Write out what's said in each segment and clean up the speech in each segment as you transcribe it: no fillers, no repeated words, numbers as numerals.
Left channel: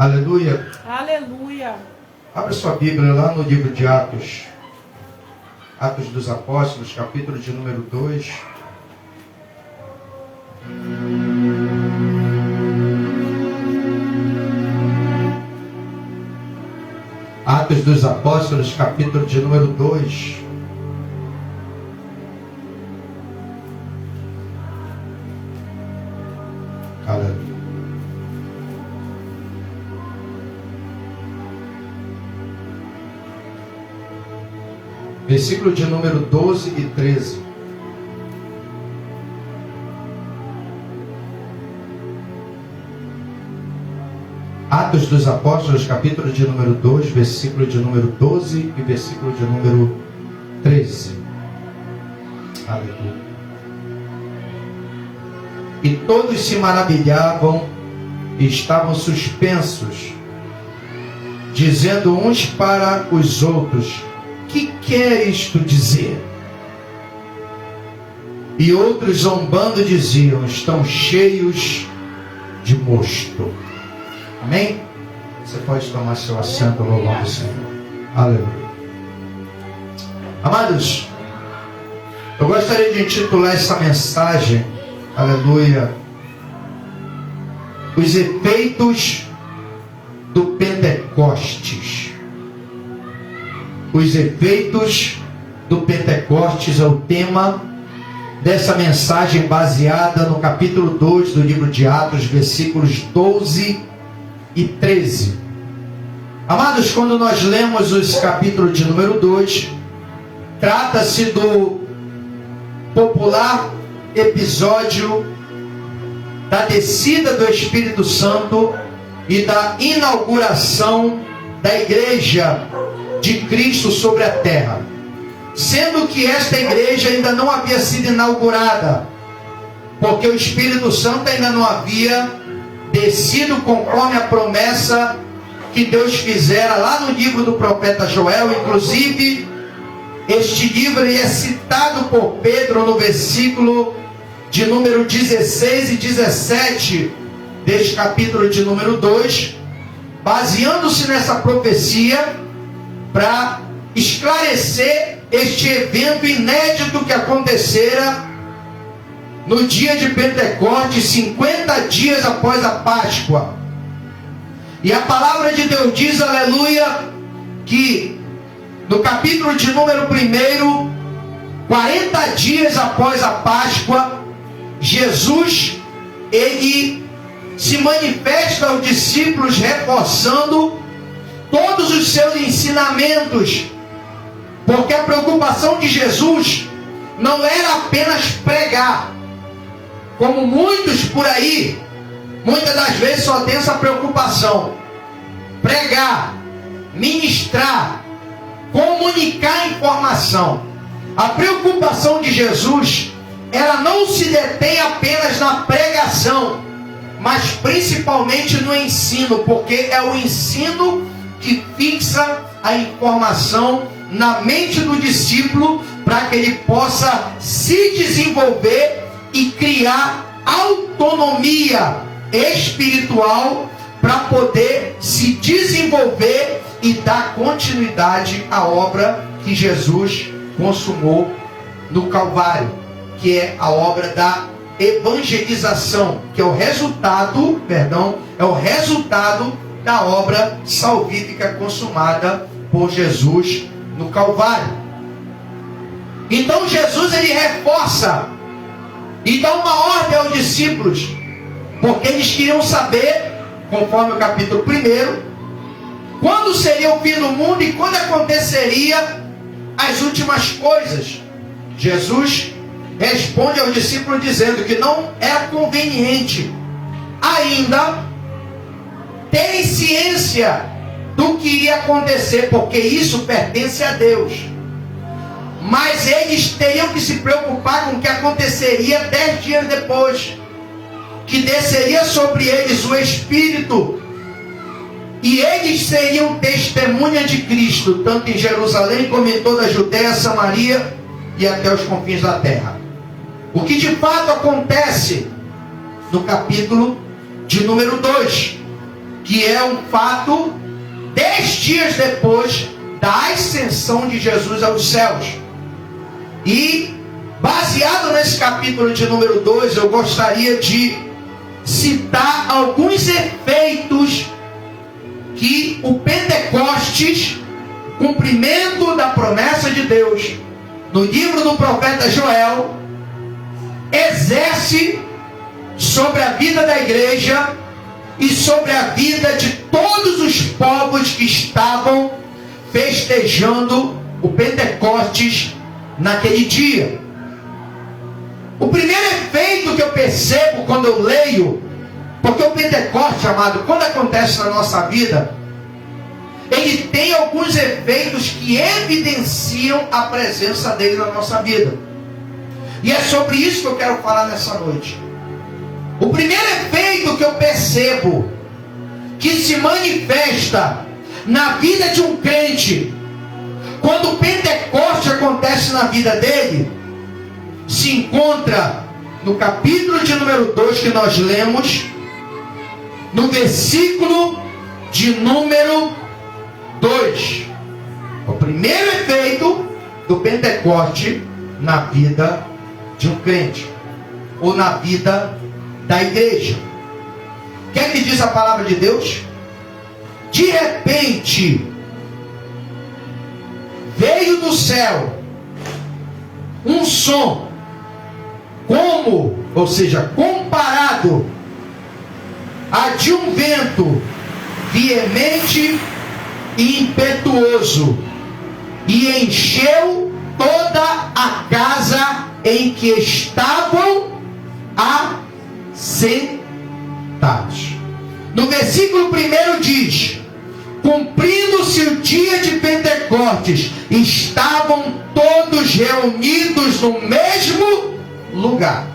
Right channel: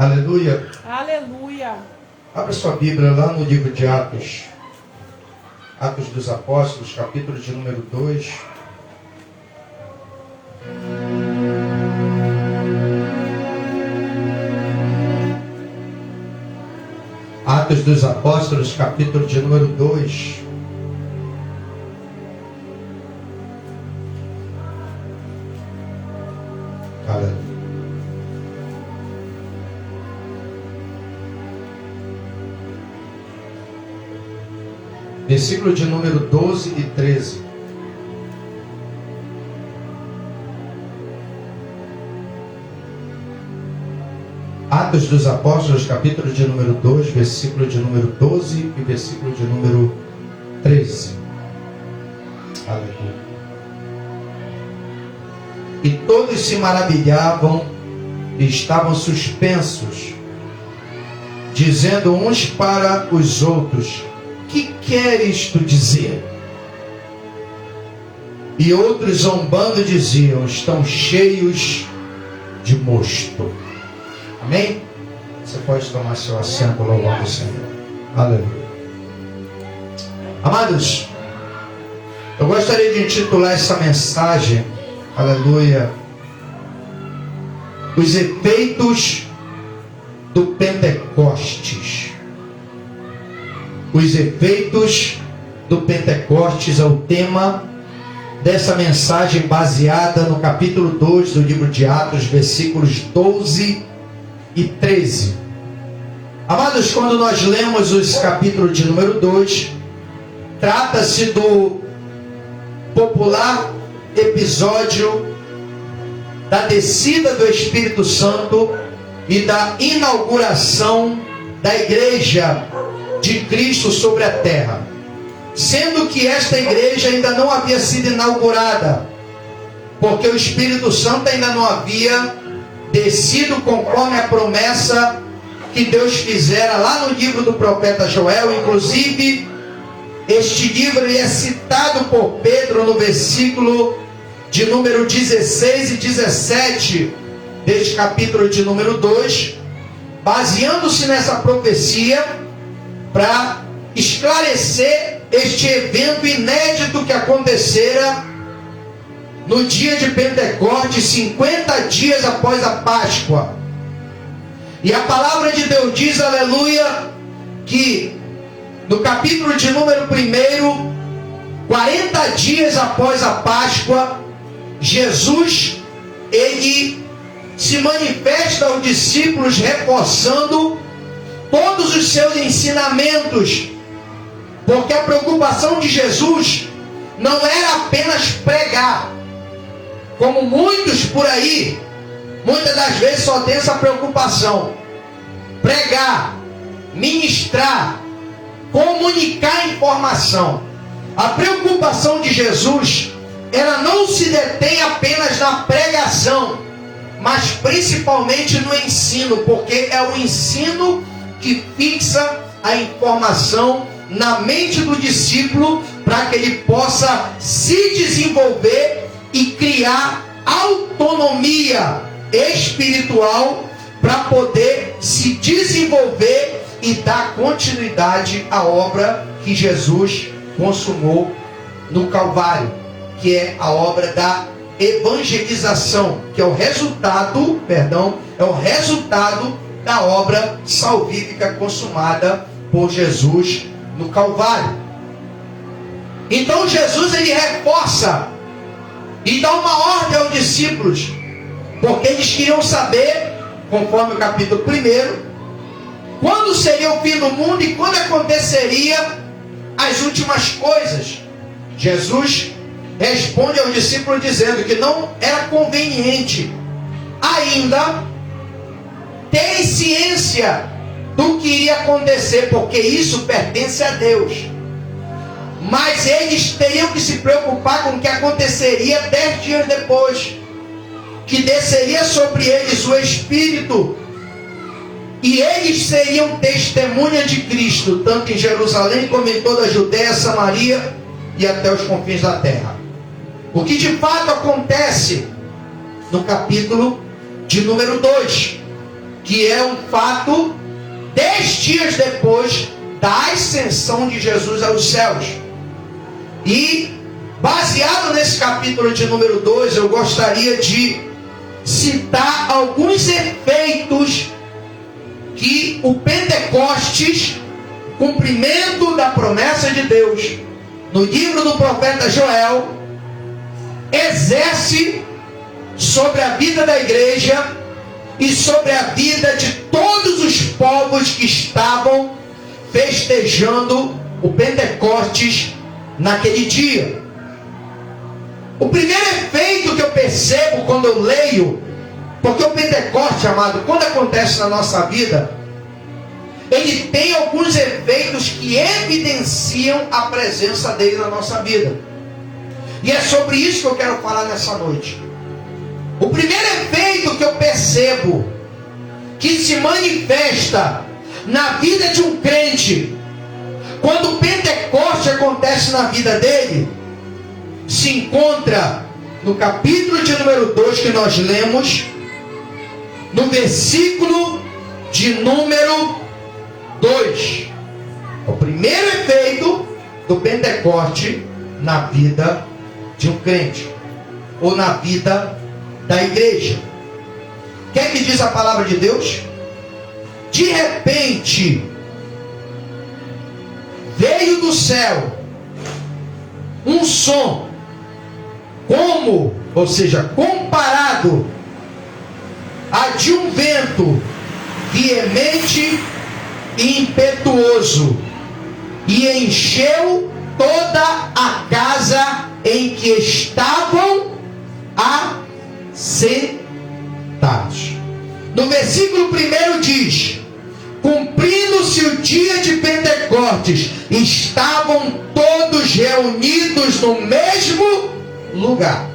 Aleluia. Aleluia. Abra sua Bíblia lá no livro de Atos. Atos dos Apóstolos, capítulo de número 2. Atos dos Apóstolos, capítulo de número 2. Aleluia. Versículo de número 12 e 13. Atos dos Apóstolos, capítulo de número 2, versículo de número 12 e versículo de número 13. Aleluia. E todos se maravilhavam e estavam suspensos, dizendo uns para os outros: que queres tu dizer? E outros zombando diziam: estão cheios de mosto. Amém? Você pode tomar seu assento louvando o Senhor. Aleluia. Amados, eu gostaria de intitular essa mensagem, aleluia, os efeitos do Pentecostes. Os efeitos do Pentecostes é o tema dessa mensagem, baseada no capítulo 2 do livro de Atos, versículos 12 e 13. Amados, quando nós lemos os capítulos de número 2, trata-se do popular episódio da descida do Espírito Santo e da inauguração da igreja de Cristo sobre a terra, sendo que esta igreja ainda não havia sido inaugurada, porque o Espírito Santo ainda não havia descido conforme a promessa que Deus fizera lá no livro do profeta Joel. Inclusive, este livro é citado por Pedro no versículo de número 16 e 17 deste capítulo de número 2, baseando-se nessa profecia para esclarecer este evento inédito que acontecera no dia de Pentecostes, 50 dias após a Páscoa. E a palavra de Deus diz, aleluia, que no capítulo de número 1, 40 dias após a Páscoa, Jesus, ele se manifesta aos discípulos, reforçando todos os seus ensinamentos, porque a preocupação de Jesus não era apenas pregar, como muitos por aí, muitas das vezes só tem essa preocupação: pregar, ministrar, comunicar informação. A preocupação de Jesus, ela não se detém apenas na pregação, mas principalmente no ensino, porque é o ensino que fixa a informação na mente do discípulo, para que ele possa se desenvolver e criar autonomia espiritual para poder se desenvolver e dar continuidade à obra que Jesus consumou no Calvário, que é a obra da evangelização, que é o resultado, da obra salvífica consumada por Jesus no Calvário. Então Jesus, ele reforça e dá uma ordem aos discípulos, porque eles queriam saber, conforme o capítulo 1, quando seria o fim do mundo e quando aconteceria as últimas coisas. Jesus responde aos discípulos dizendo que não era conveniente ainda ter ciência do que iria acontecer, porque isso pertence a Deus. Mas eles teriam que se preocupar com o que aconteceria 10 dias depois, que desceria sobre eles o Espírito, e eles seriam testemunha de Cristo, tanto em Jerusalém como em toda a Judéia, Samaria e até os confins da terra. O que de fato acontece no capítulo de número 2, que é um fato 10 dias depois da ascensão de Jesus aos céus. E, baseado nesse capítulo de número 2, eu gostaria de citar alguns efeitos que o Pentecostes, cumprimento da promessa de Deus, no livro do profeta Joel, exerce sobre a vida da igreja e sobre a vida de todos os povos que estavam festejando o Pentecostes naquele dia. O primeiro efeito que eu percebo quando eu leio, porque o Pentecostes, amado, quando acontece na nossa vida, ele tem alguns efeitos que evidenciam a presença dele na nossa vida. E é sobre isso que eu quero falar nessa noite. O primeiro efeito que eu percebo que se manifesta na vida de um crente, quando o Pentecostes acontece na vida dele, se encontra no capítulo de número 2 que nós lemos, no versículo de número 2. O primeiro efeito do Pentecostes na vida de um crente, ou na vida da igreja. O que é que diz a palavra de Deus? De repente, veio do céu um som, ou seja, comparado a de um vento veemente e impetuoso, e encheu toda a casa em que estavam assentados. No versículo 1 diz: cumprindo-se o dia de Pentecostes, estavam todos reunidos no mesmo lugar.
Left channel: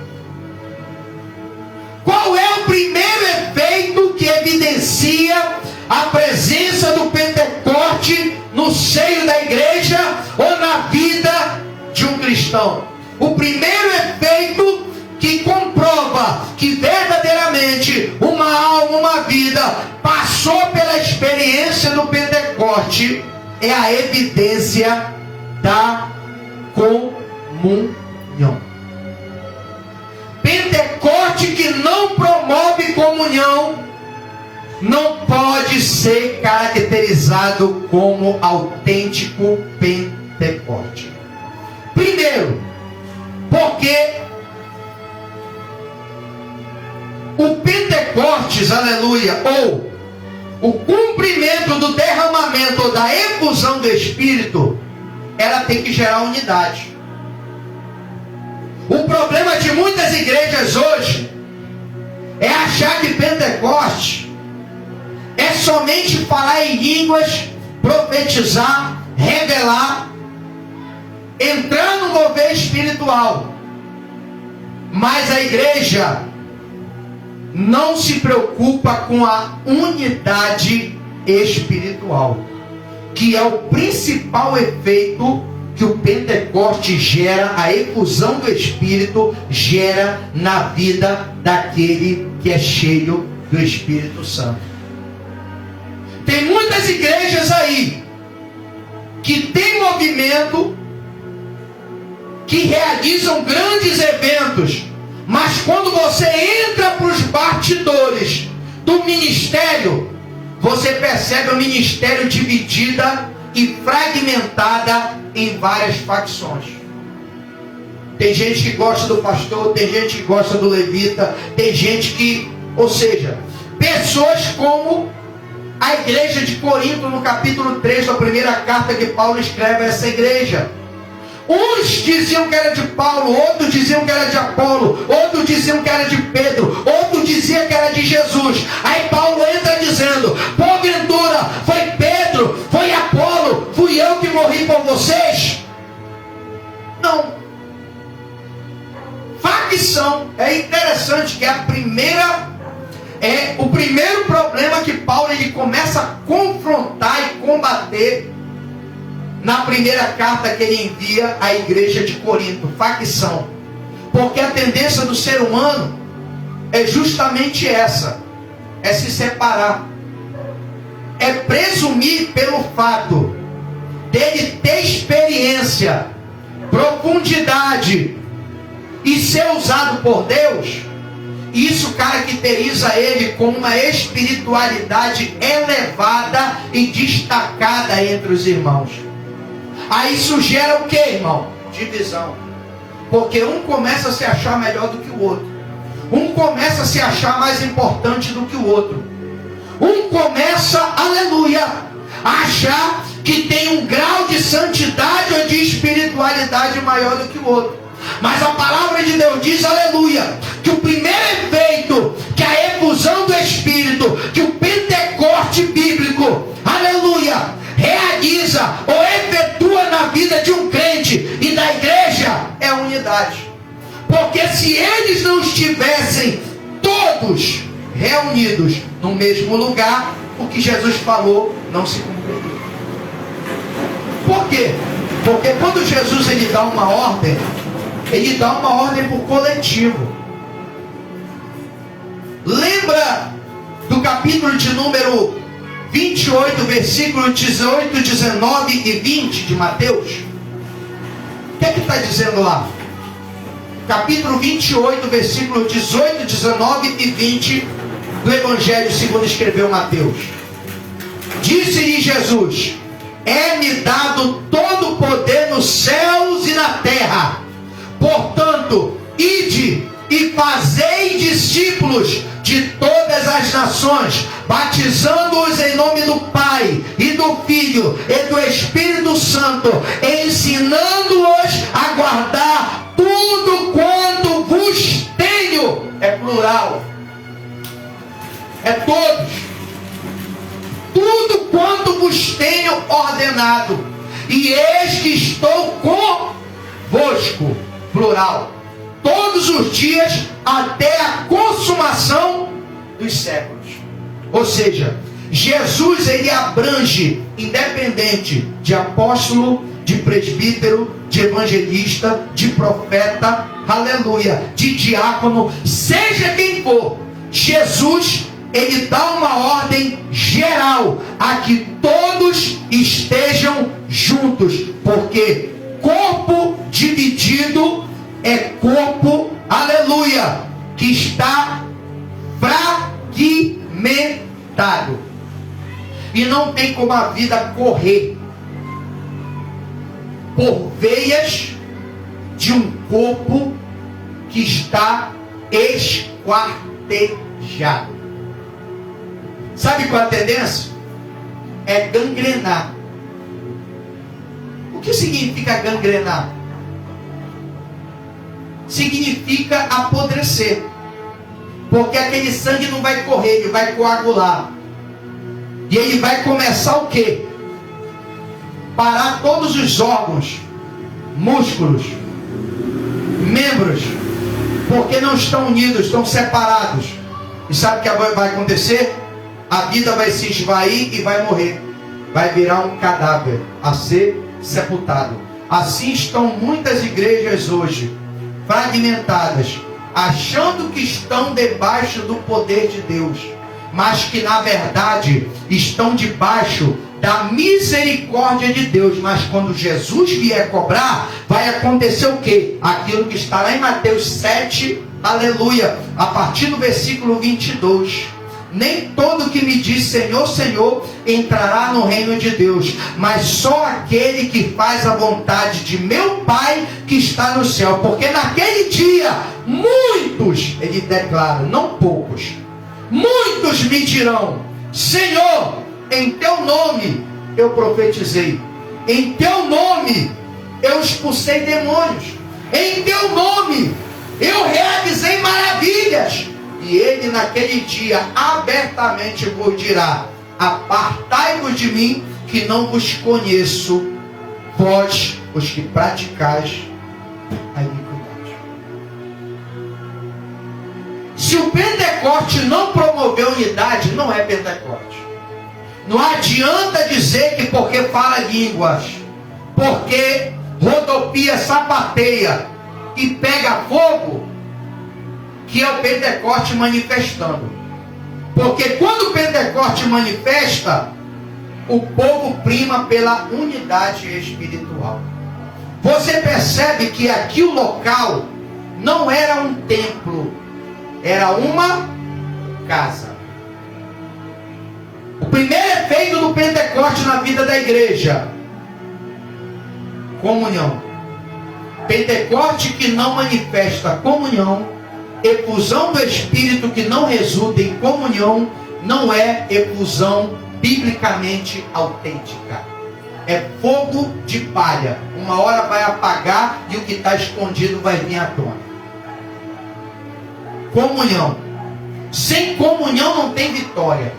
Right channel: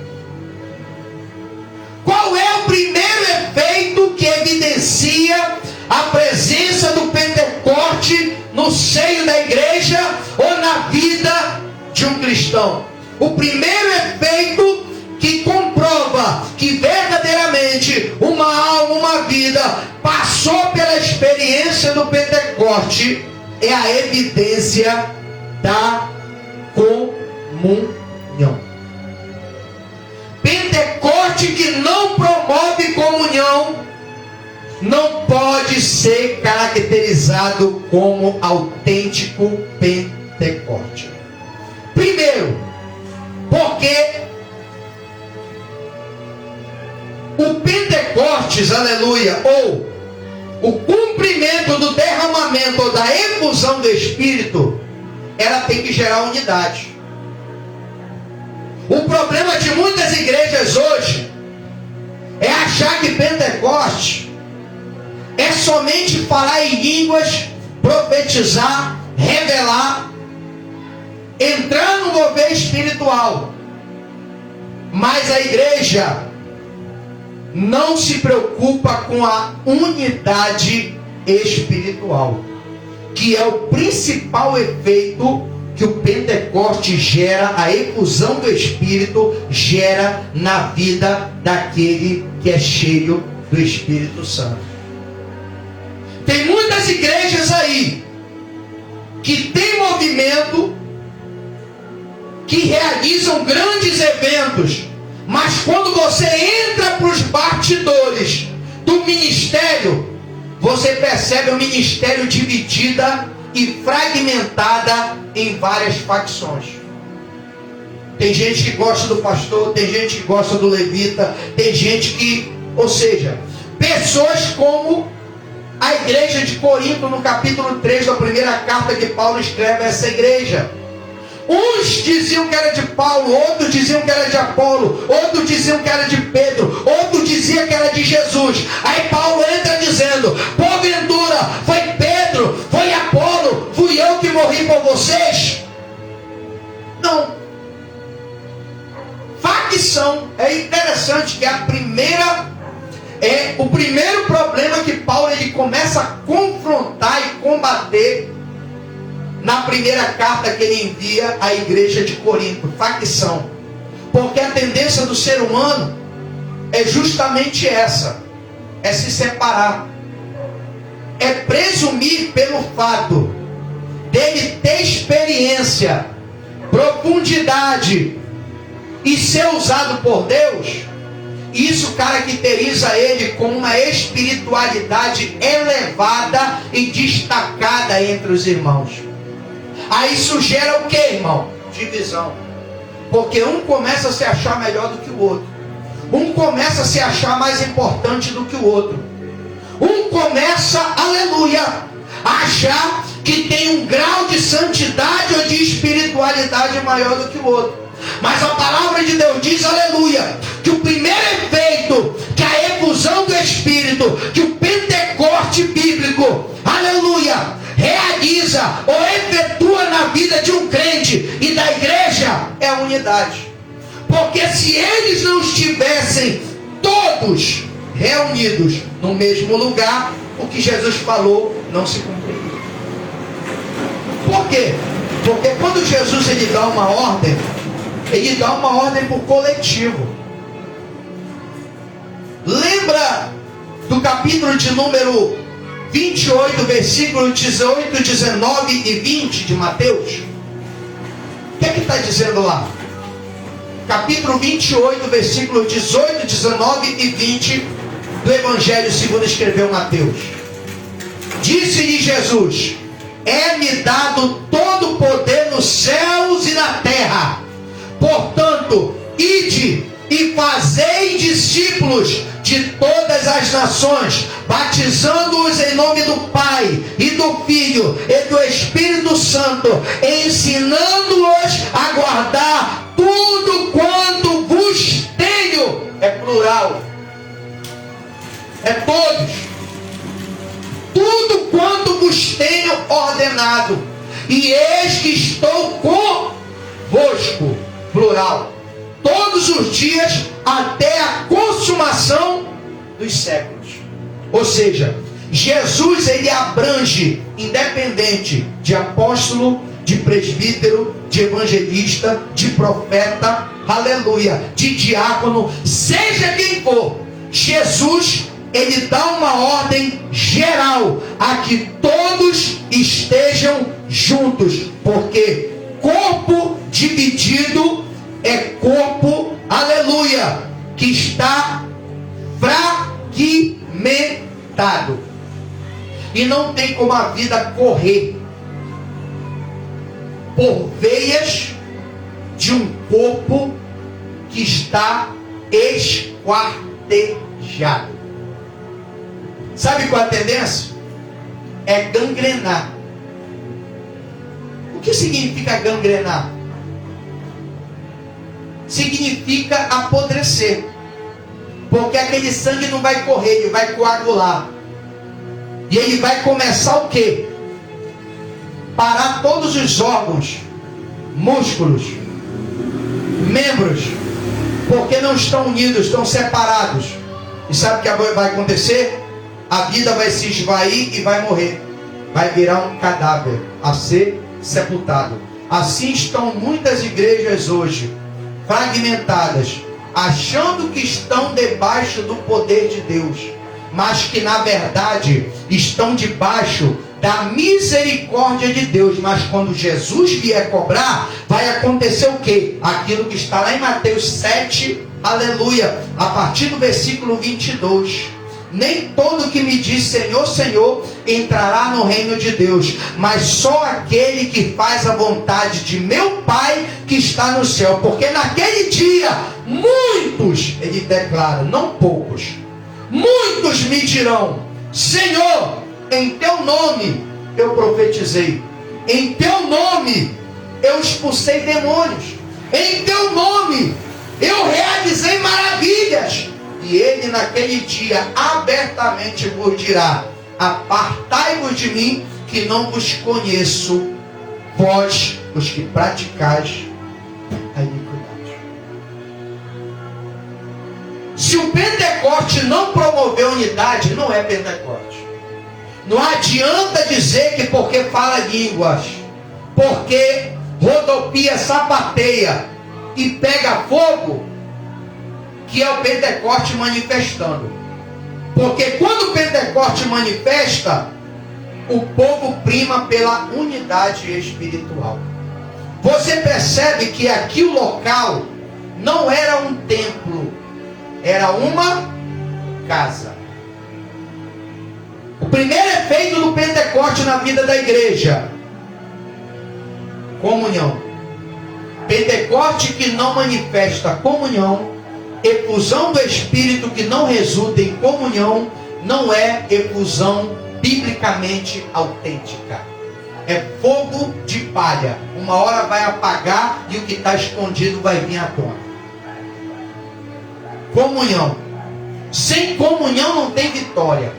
Qual é o primeiro efeito que evidencia a presença do Pentecoste no seio da igreja ou na vida de um cristão? O primeiro efeito que comprova que verdadeiramente uma alma, uma vida passou pela experiência do Pentecoste é a evidência da comunhão. Pentecoste que não promove comunhão não pode ser caracterizado como autêntico Pentecoste. Primeiro, porque o Pentecostes, aleluia, ou o cumprimento do derramamento ou da efusão do Espírito, ela tem que gerar unidade. O problema de muitas igrejas hoje é achar que Pentecostes é somente falar em línguas, profetizar, revelar, entrar no mover espiritual. Mas a igreja não se preocupa com a unidade espiritual, que é o principal efeito que o Pentecoste gera, a efusão do Espírito gera na vida daquele que é cheio do Espírito Santo. Tem muitas igrejas aí que tem movimento, que realizam grandes eventos, mas quando você entra para os bastidores do ministério, você percebe o ministério dividida e fragmentada em várias facções. Tem gente que gosta do pastor, tem gente que gosta do levita, tem gente que, ou seja, pessoas como a igreja de Corinto, no capítulo 3 da primeira carta que Paulo escreve a essa igreja. Uns diziam que era de Paulo, outros diziam que era de Apolo, outros diziam que era de Pedro, outros diziam que era de Jesus. Aí Paulo entra dizendo: porventura foi Pedro, foi Apolo, fui eu que morri por vocês? Não. Facção. É interessante que o primeiro problema que Paulo ele começa a confrontar e combater na primeira carta que ele envia à igreja de Corinto: facção. Porque a tendência do ser humano é justamente essa: é se separar. é presumir pelo fato dele ter experiência, profundidade e ser usado por Deus. Isso caracteriza ele com uma espiritualidade elevada e destacada entre os irmãos. Aí isso gera o que, irmão? Divisão. Porque um começa a se achar melhor do que o outro. Um começa a se achar mais importante do que o outro. Um começa, aleluia, a achar que tem um grau de santidade ou de espiritualidade maior do que o outro. Mas a palavra de Deus diz, aleluia, que o primeiro efeito, que a efusão do Espírito, que o Pentecoste bíblico, aleluia, realiza ou efetua na vida de um crente e da igreja, é a unidade. Porque se eles não estivessem todos reunidos no mesmo lugar, o que Jesus falou não se cumpriria. Por quê? Porque quando Jesus ele dá uma ordem, ele dá uma ordem para o coletivo. Lembra do capítulo de número 28, versículo 18, 19 e 20 de Mateus? O que está dizendo lá? Capítulo 28, versículo 18, 19 e 20 do Evangelho segundo escreveu Mateus. Disse-lhe Jesus: é-me dado todo o poder nos céus e na terra. Portanto, ide e fazei discípulos de todas as nações, batizando-os em nome do Pai e do Filho e do Espírito Santo, ensinando-os a guardar tudo quanto vos tenho. É plural, é todos. Tudo quanto vos tenho ordenado, e eis que estou convosco, plural, todos os dias até a consumação dos séculos. Ou seja, Jesus ele abrange, independente de apóstolo, de presbítero, de evangelista, de profeta, aleluia, de diácono, seja quem for, Jesus ele dá uma ordem geral a que todos estejam juntos, porque corpo dividido é corpo, aleluia, que está fragmentado. E não tem como a vida correr por veias de um corpo que está esquartejado. Sabe qual é a tendência? É gangrenar. O que significa gangrenar? Significa apodrecer. Porque aquele sangue não vai correr, ele vai coagular. E ele vai começar o quê? Parar todos os órgãos, músculos, membros, porque não estão unidos, estão separados. E sabe o que vai acontecer? A vida vai se esvair e vai morrer. Vai virar um cadáver a ser sepultado. Assim estão muitas igrejas hoje, fragmentadas, achando que estão debaixo do poder de Deus, mas que na verdade estão debaixo da misericórdia de Deus. Mas quando Jesus vier cobrar, vai acontecer o quê? Aquilo que está lá em Mateus 7, aleluia, a partir do versículo 22. Nem todo que me diz Senhor, Senhor entrará no reino de Deus, mas só aquele que faz a vontade de meu Pai que está no céu. Porque naquele dia muitos, ele declara, não poucos, muitos me dirão: Senhor, em teu nome eu profetizei, em teu nome eu expulsei demônios, em teu nome eu realizei maravilhas. E ele naquele dia abertamente vos dirá: apartai-vos de mim, que não vos conheço, vós os que praticais a iniquidade. Se o Pentecoste não promover unidade, não é Pentecoste. Não adianta dizer que porque fala línguas, porque rodopia, sapateia e pega fogo, que é o Pentecoste manifestando. Porque quando o Pentecoste manifesta, o povo prima pela unidade espiritual. Você percebe que aqui o local não era um templo, era uma casa. O primeiro efeito do Pentecostes na vida da igreja: comunhão. Pentecoste que não manifesta comunhão, efusão do Espírito que não resulta em comunhão, não é efusão biblicamente autêntica. É fogo de palha. Uma hora vai apagar e o que está escondido vai vir à tona. Comunhão. Sem comunhão não tem vitória.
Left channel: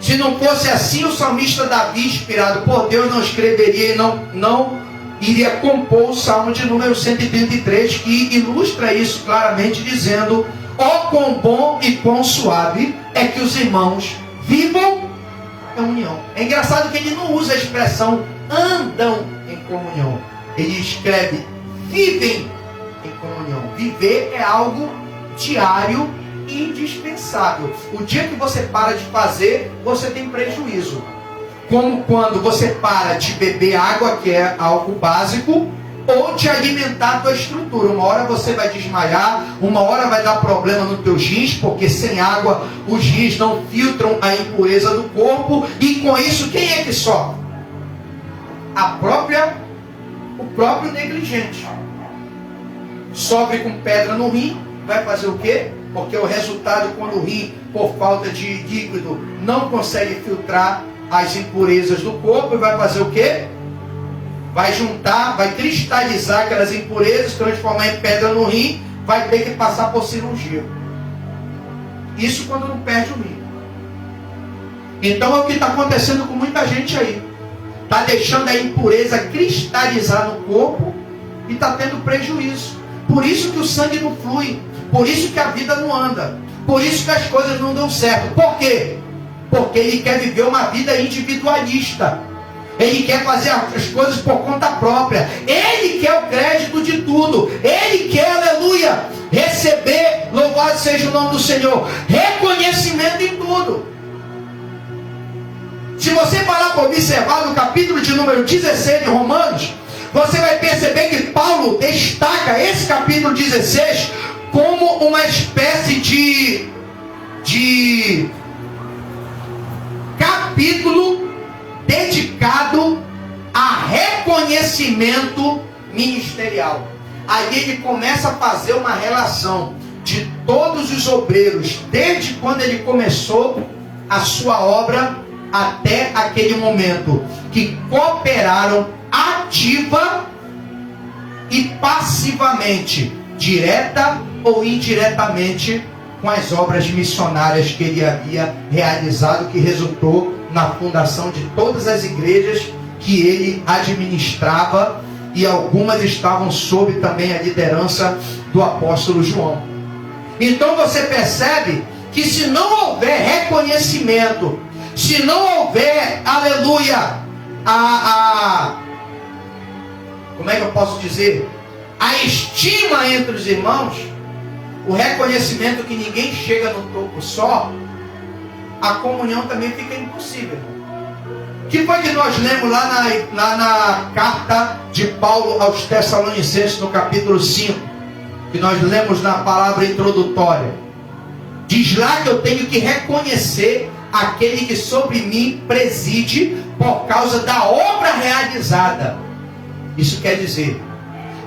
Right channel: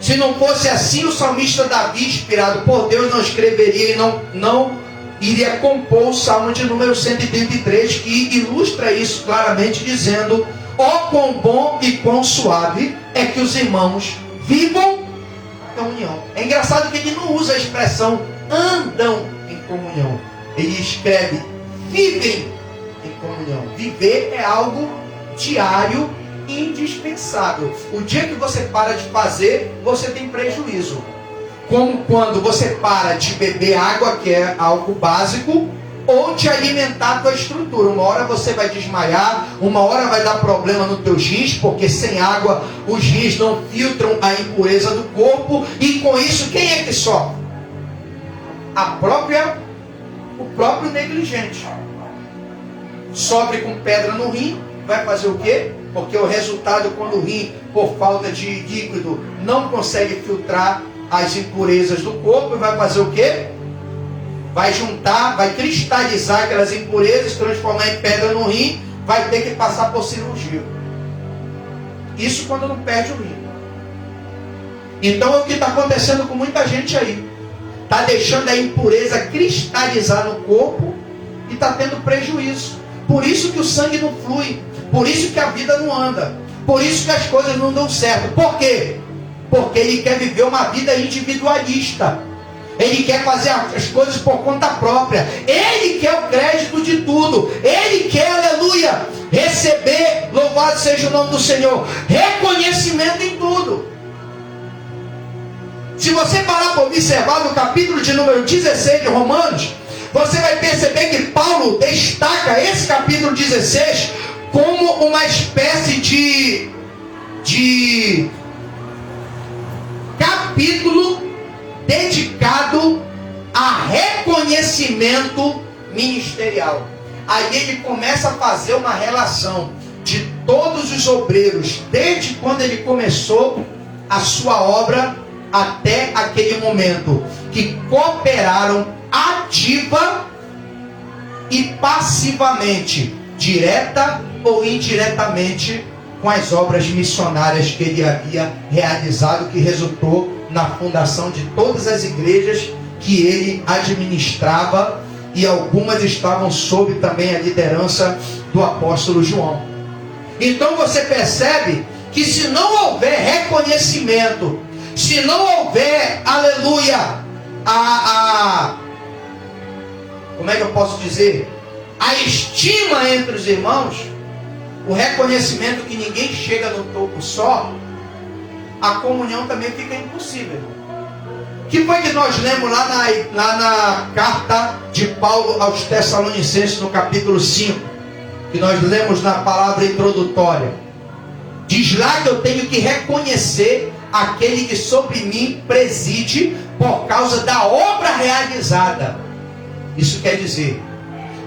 Se não fosse assim, o salmista Davi, inspirado por Deus, não escreveria e não iria compor o Salmo de número 133, que ilustra isso claramente, dizendo: ó, quão bom e quão suave é que os irmãos vivam em comunhão. É engraçado que ele não usa a expressão andam em comunhão. Ele escreve vivem em comunhão. Viver é algo diário, indispensável. O dia que você para de fazer, você tem prejuízo. Como quando você para de beber água, que é algo básico, ou de alimentar a tua estrutura. Uma hora você vai desmaiar, uma hora vai dar problema nos teus rins, porque sem água os rins não filtram a impureza do corpo, e com isso quem é que sofre? O próprio negligente. Sofre com pedra no rim, vai fazer o quê? Porque o resultado, quando o rim, por falta de líquido, não consegue filtrar as impurezas do corpo, vai fazer o quê? Vai juntar, vai cristalizar aquelas impurezas, transformar em pedra no rim, vai ter que passar por cirurgia. Isso quando não perde o rim. Então é o que está acontecendo com muita gente aí. Está deixando a impureza cristalizar no corpo e está tendo prejuízo. Por isso que o sangue não flui. Por isso que a vida não anda. Por isso que as coisas não dão certo. Por quê? Porque ele quer viver uma vida individualista. Ele quer fazer as coisas por conta própria. Ele quer o crédito de tudo. Ele quer, aleluia, receber, louvado seja o nome do Senhor, reconhecimento em tudo. Se você parar para observar no capítulo de número 16 de Romanos, você vai perceber que Paulo destaca esse capítulo 16 como uma espécie de capítulo dedicado a reconhecimento ministerial. Aí ele começa a fazer uma relação de todos os obreiros, desde quando ele começou a sua obra até aquele momento, que cooperaram ativa e passivamente, direta ou indiretamente, com as obras missionárias que ele havia realizado, que resultou na fundação de todas as igrejas que ele administrava, e algumas estavam sob também a liderança do apóstolo João. Então você percebe que se não houver reconhecimento, se não houver, aleluia, como é que eu posso dizer? A estima entre os irmãos, o reconhecimento que ninguém chega no topo só, a comunhão também fica impossível. O que foi que nós lemos lá na carta de Paulo aos Tessalonicenses, no capítulo 5, que nós lemos na palavra introdutória? Diz lá que eu tenho que reconhecer aquele que sobre mim preside por causa da obra realizada. Isso quer dizer,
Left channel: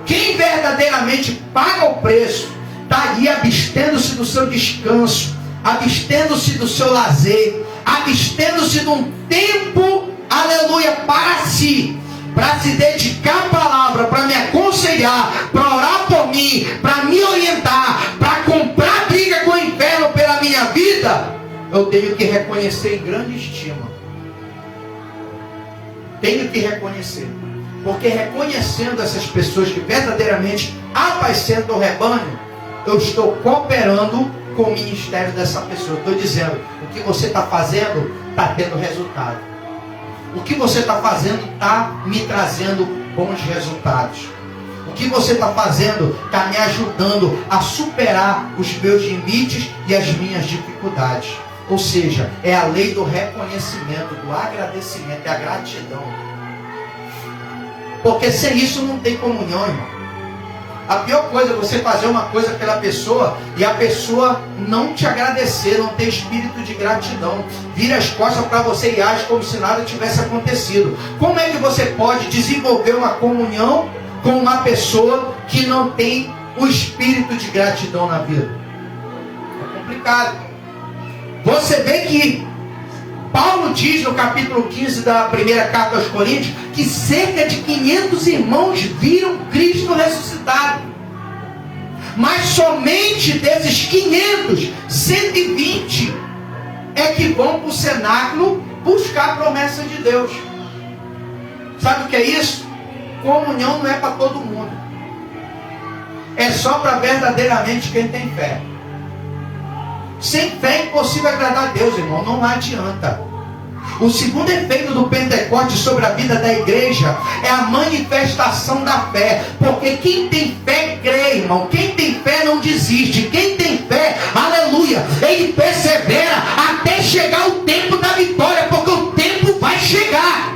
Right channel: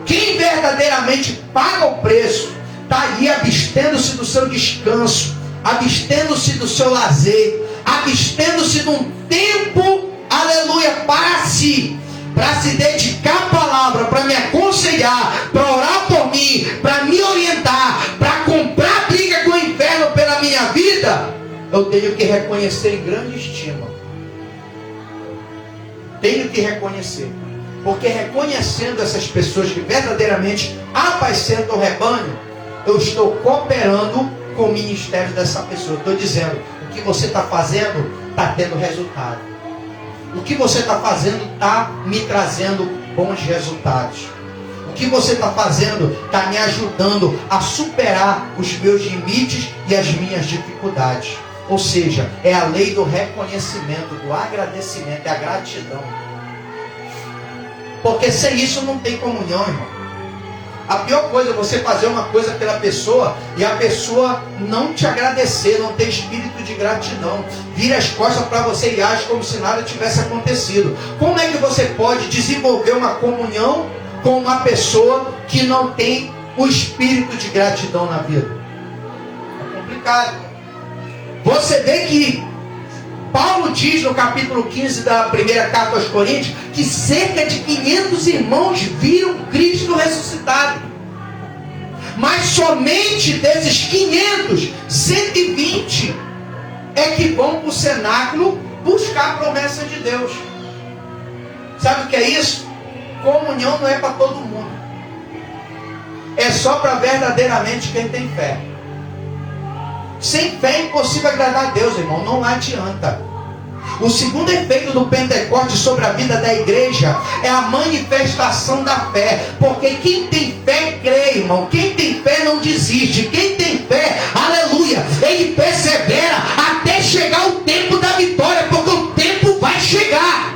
quem verdadeiramente paga o preço, está ali abstendo-se do seu descanso, abstendo-se do seu lazer, abstendo-se de um tempo, aleluia, para si dedicar à palavra, para me aconselhar, para orar por mim, para me orientar, para comprar briga com o inferno pela minha vida, eu tenho que reconhecer em grande estima. Tenho que reconhecer. Porque reconhecendo essas pessoas que verdadeiramente apacentam o rebanho, eu estou cooperando com o ministério dessa pessoa. Estou dizendo, o que você está fazendo está tendo resultado. O que você está fazendo está me trazendo bons resultados. O que você está fazendo está me ajudando a superar os meus limites e as minhas dificuldades. Ou seja, é a lei do reconhecimento, do agradecimento, da gratidão. Porque sem isso não tem comunhão, irmão. A pior coisa é você fazer uma coisa pela pessoa e a pessoa não te agradecer, não ter espírito de gratidão. Vira as costas para você e age como se nada tivesse acontecido. Como é que você pode desenvolver uma comunhão com uma pessoa que não tem o espírito de gratidão na vida? É complicado. Você vê que Paulo diz no capítulo 15 da primeira carta aos Coríntios que cerca de 500 irmãos viram Cristo ressuscitado. Mas somente desses 500, 120 é que vão para o cenáculo buscar a promessa de Deus. Sabe o que é isso? Comunhão não é para todo mundo. É só para verdadeiramente quem tem fé. Sem fé é impossível agradar a Deus, irmão. Não adianta. O segundo efeito do Pentecostes sobre a vida da igreja é a manifestação da fé. Porque quem tem fé crê, irmão. Quem tem fé não desiste. Quem tem fé, aleluia, ele persevera até chegar o tempo da vitória. Porque o tempo vai chegar.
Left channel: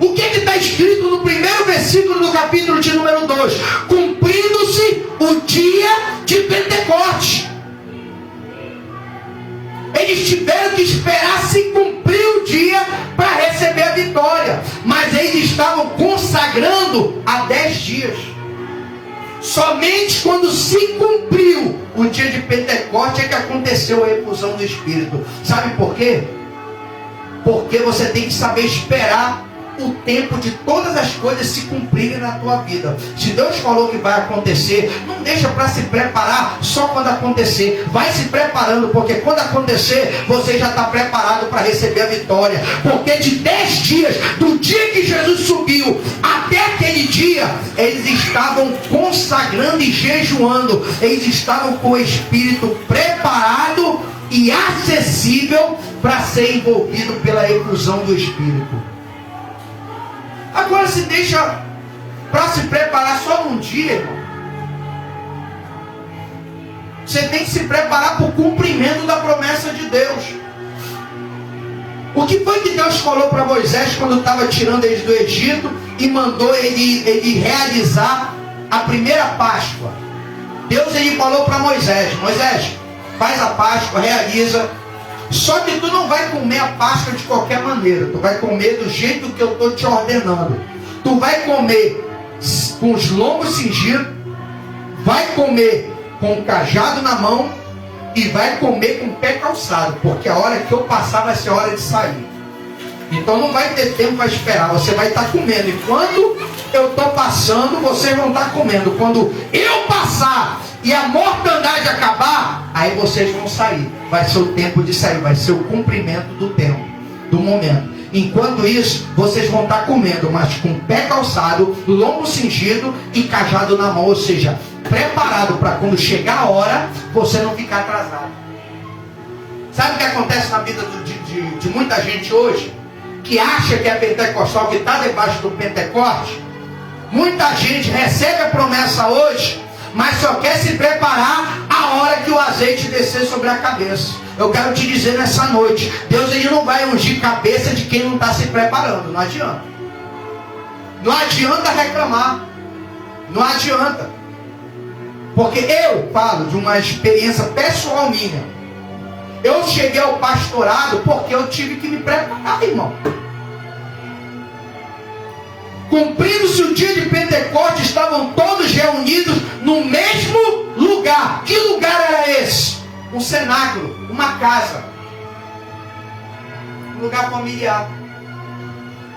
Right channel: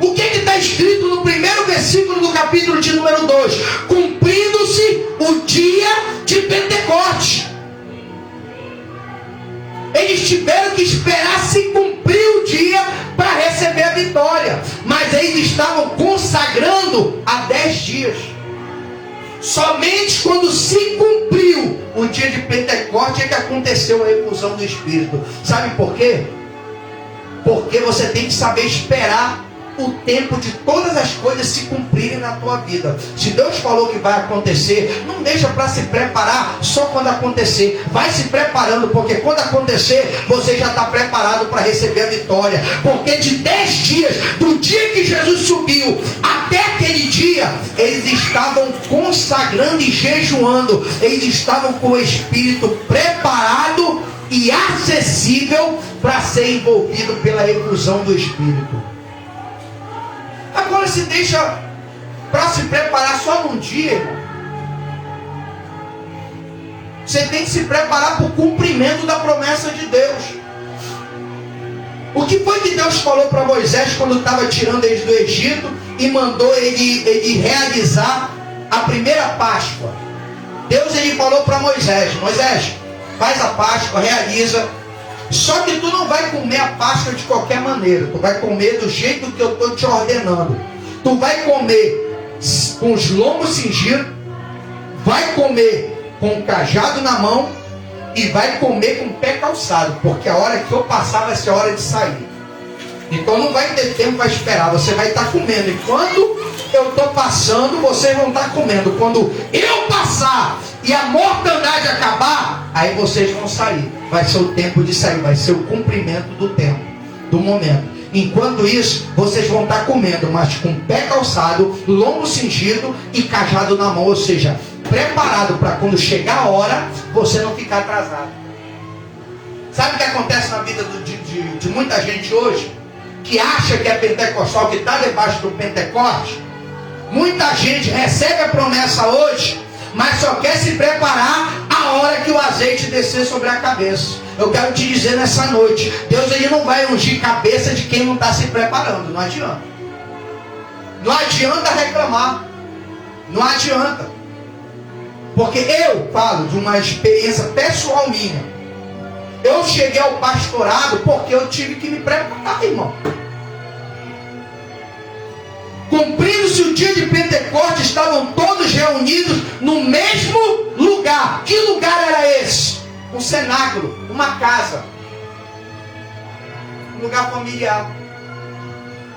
O que está escrito no primeiro versículo do capítulo de número 2? Cumprindo-se o dia de Pentecostes. Eles tiveram que esperar se cumprir o dia para receber a vitória. Mas eles estavam consagrando há 10 dias. Somente quando se cumpriu o dia de Pentecostes é que aconteceu a efusão do Espírito. Sabe por quê? Porque você tem que saber esperar o tempo de todas as coisas se cumprirem na tua vida. Se Deus falou que vai acontecer, não deixa para se preparar só quando acontecer. Vai se preparando, porque quando acontecer, você já está preparado para receber a vitória. Porque de 10 dias, do dia que Jesus subiu até aquele dia, eles estavam consagrando e jejuando. Eles estavam com o Espírito preparado e acessível para ser envolvido pela efusão do Espírito. Agora se deixa para se preparar só num dia, irmão. Você tem que se preparar para o cumprimento da promessa de Deus. O que foi que Deus falou para Moisés quando estava tirando eles do Egito e mandou ele realizar a primeira Páscoa? Deus ele falou para Moisés: Moisés, faz a Páscoa, realiza. Só que tu não vai comer a Páscoa de qualquer maneira. Tu vai comer do jeito que eu estou te ordenando. Tu vai comer com os lombos cingidos, vai comer com o cajado na mão e vai comer com o pé calçado, porque a hora que eu passar vai ser a hora de sair. Então não vai ter tempo para esperar. Você vai estar comendo. Enquanto eu estou passando, vocês vão estar comendo. Quando eu passar e a mortandade acabar, aí vocês vão sair. Vai ser o tempo de sair, vai ser o cumprimento do tempo, do momento. Enquanto isso, vocês vão estar comendo, mas com pé calçado, lombo cingido e cajado na mão. Ou seja, preparado para quando chegar a hora, você não ficar atrasado. Sabe o que acontece na vida de muita gente hoje? Que acha que é pentecostal, que está debaixo do Pentecoste. Muita gente recebe a promessa hoje, mas só quer se preparar a hora que o azeite descer sobre a cabeça. Eu quero te dizer nessa noite, Deus ele não vai ungir cabeça de quem não está se preparando. Não adianta. Não adianta reclamar. Não adianta. Porque eu falo de uma experiência pessoal minha. Eu cheguei ao pastorado porque eu tive que me preparar, irmão. Cumprindo-se o dia de Pentecostes, estavam todos reunidos no mesmo lugar. Que lugar era esse? Um cenáculo, uma casa, um lugar familiar.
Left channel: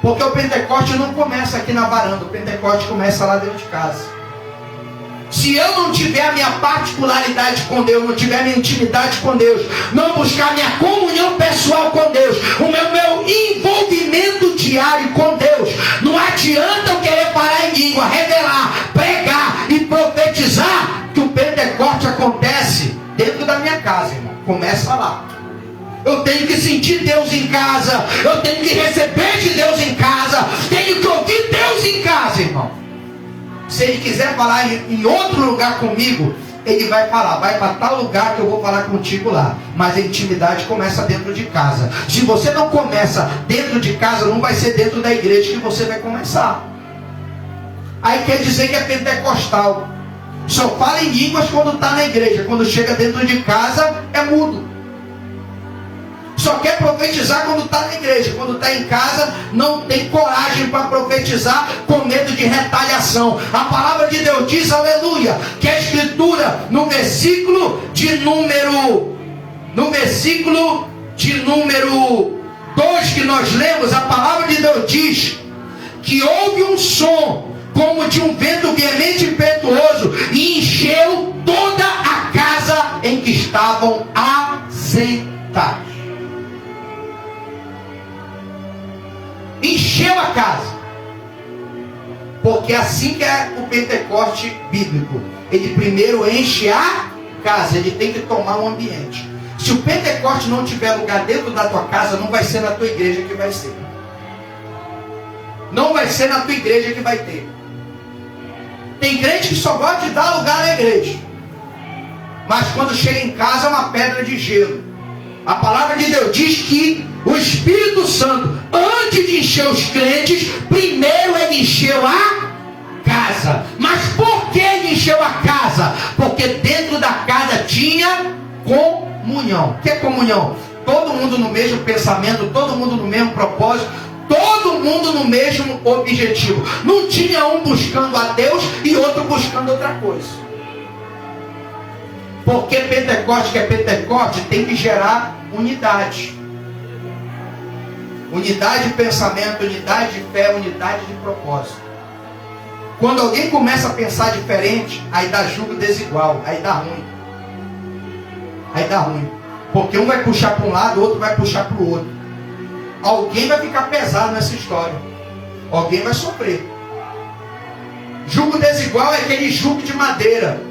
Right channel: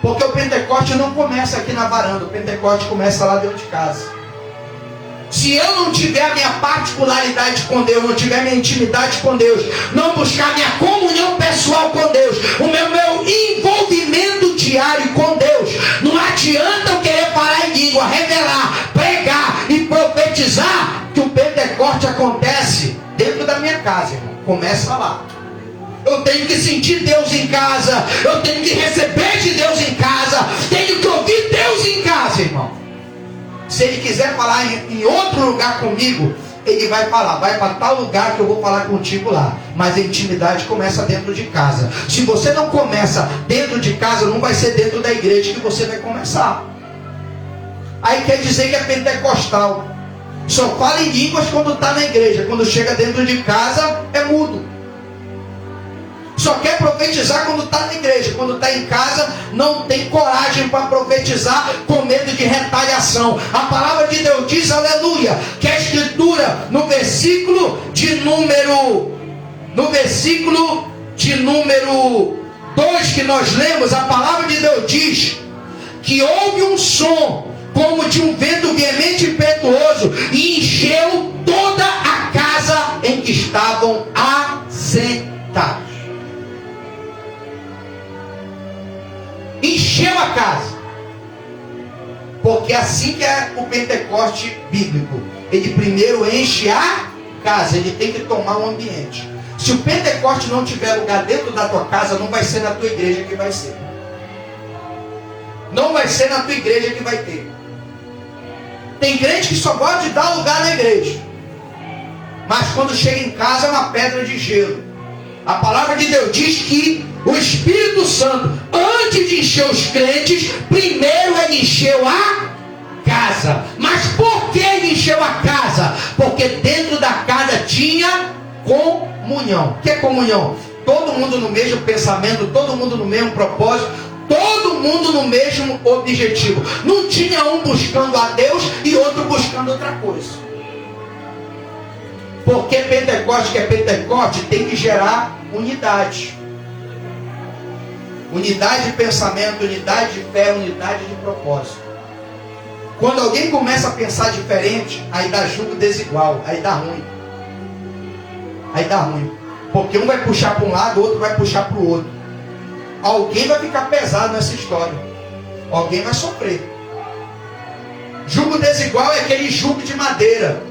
Porque o Pentecostes não começa aqui na varanda, o Pentecostes começa lá dentro de casa. Se eu não tiver a minha particularidade com Deus, não tiver a minha intimidade com Deus, não buscar a minha comunhão pessoal com Deus, o meu envolvimento diário com Deus, não adianta eu querer falar em língua, revelar, pregar e profetizar, que o Pentecoste acontece dentro da minha casa, irmão. Começa lá. Eu tenho que sentir Deus em casa, eu tenho que receber de Deus em casa, tenho que ouvir Deus em casa, irmão. Se ele quiser falar em outro lugar comigo, ele vai falar, vai para tal lugar que eu vou falar contigo lá. Mas a intimidade começa dentro de casa. Se você não começa dentro de casa, não vai ser dentro da igreja que você vai começar. Aí quer dizer que é pentecostal. Só fala em línguas quando está na igreja. Quando chega dentro de casa, é mudo. Só quer profetizar quando está na igreja. Quando está em casa, não tem coragem para profetizar, com medo de retaliação. A palavra de Deus diz, aleluia, que a escritura no versículo de número 2 que nós lemos, a palavra de Deus diz que houve um som como de um vento veemente e impetuoso, e encheu toda a casa em que estavam assentados. Encheu a casa. Porque assim que é o Pentecoste bíblico. Ele primeiro enche a casa, ele tem que tomar o ambiente. Se o Pentecoste não tiver lugar dentro da tua casa, não vai ser na tua igreja que vai ser. Não vai ser na tua igreja que vai ter. Tem crente que só gosta de dar lugar na igreja. Mas quando chega em casa é uma pedra de gelo. A palavra de Deus diz que o Espírito Santo, antes de encher os crentes, primeiro ele encheu a casa. Mas por que ele encheu a casa? Porque dentro da casa tinha comunhão. O que é comunhão? Todo mundo no mesmo pensamento, todo mundo no mesmo propósito, todo mundo no mesmo objetivo. Não tinha um buscando a Deus e outro buscando outra coisa. Porque Pentecoste, que é Pentecoste, tem que gerar unidade. Unidade de pensamento, unidade de fé, unidade de propósito. Quando alguém começa a pensar diferente, aí dá julgo desigual, aí dá ruim. Aí dá ruim. Porque um vai puxar para um lado, o outro vai puxar para o outro. Alguém vai ficar pesado nessa história. Alguém vai sofrer. Jugo desigual é aquele jugo de madeira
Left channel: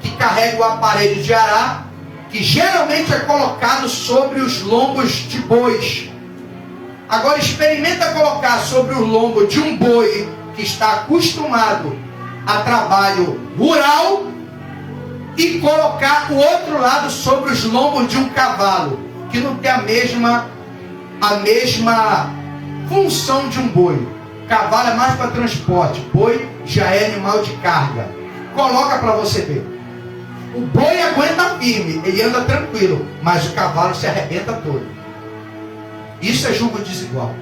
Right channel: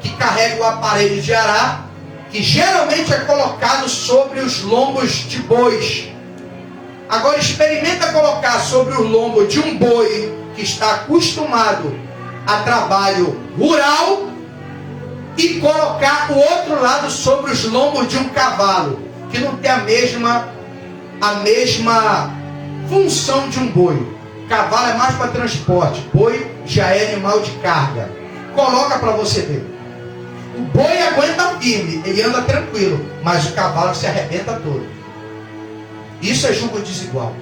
que carrega o aparelho de arar, que geralmente é colocado sobre os lombos de bois. Agora experimenta colocar sobre o lombo de um boi que está acostumado a trabalho rural e colocar o outro lado sobre os lombos de um cavalo que não tem a mesma função de um boi. Cavalo é mais para transporte, boi já é animal de carga. Coloca para você ver. O boi aguenta firme, ele anda tranquilo, mas o cavalo se arrebenta todo. Isso é jugo desigual.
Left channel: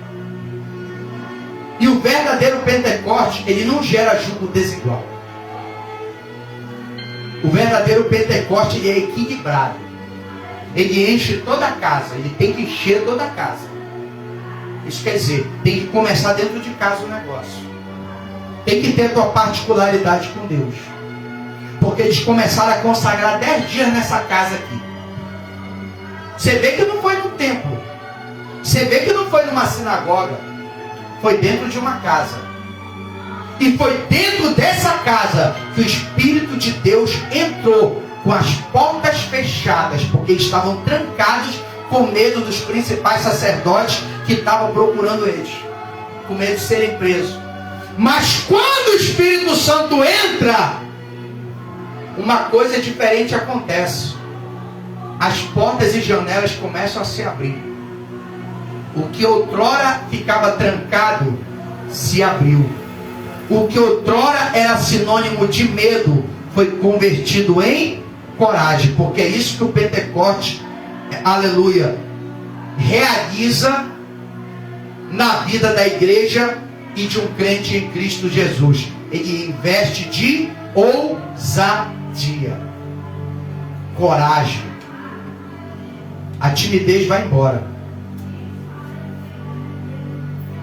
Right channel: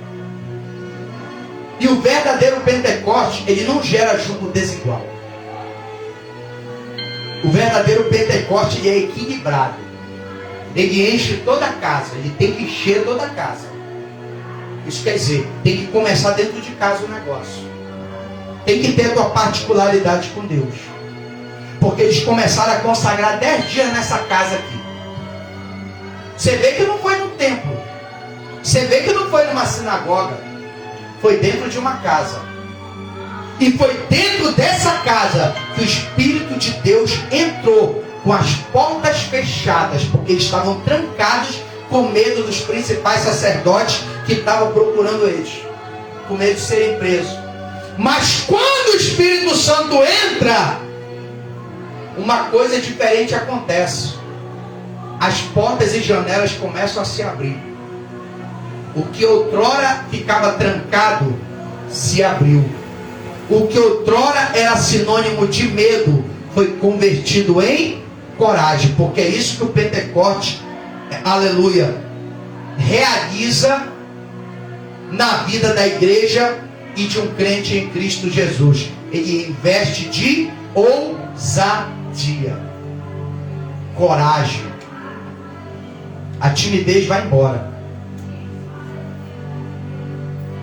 E o verdadeiro Pentecoste, ele não gera jugo desigual. O verdadeiro Pentecoste, ele é equilibrado. Ele enche toda a casa, ele tem que encher toda a casa. Isso quer dizer, tem que começar dentro de casa o negócio. Tem que ter a tua particularidade com Deus. Porque eles começaram a consagrar 10 dias nessa casa aqui. Você vê que não foi no templo. Você vê que não foi numa sinagoga. Foi dentro de uma casa. E foi dentro dessa casa que o Espírito de Deus entrou com as portas fechadas, porque eles estavam trancados com medo dos principais sacerdotes que estavam procurando eles, com medo de serem presos. Mas quando o Espírito Santo entra, uma coisa diferente acontece. As portas e janelas começam a se abrir. O que outrora ficava trancado se abriu. O que outrora era sinônimo de medo foi convertido em coragem, porque é isso que o Pentecoste, aleluia, realiza na vida da igreja e de um crente em Cristo Jesus. Ele investe de ousadia, coragem. A timidez vai embora.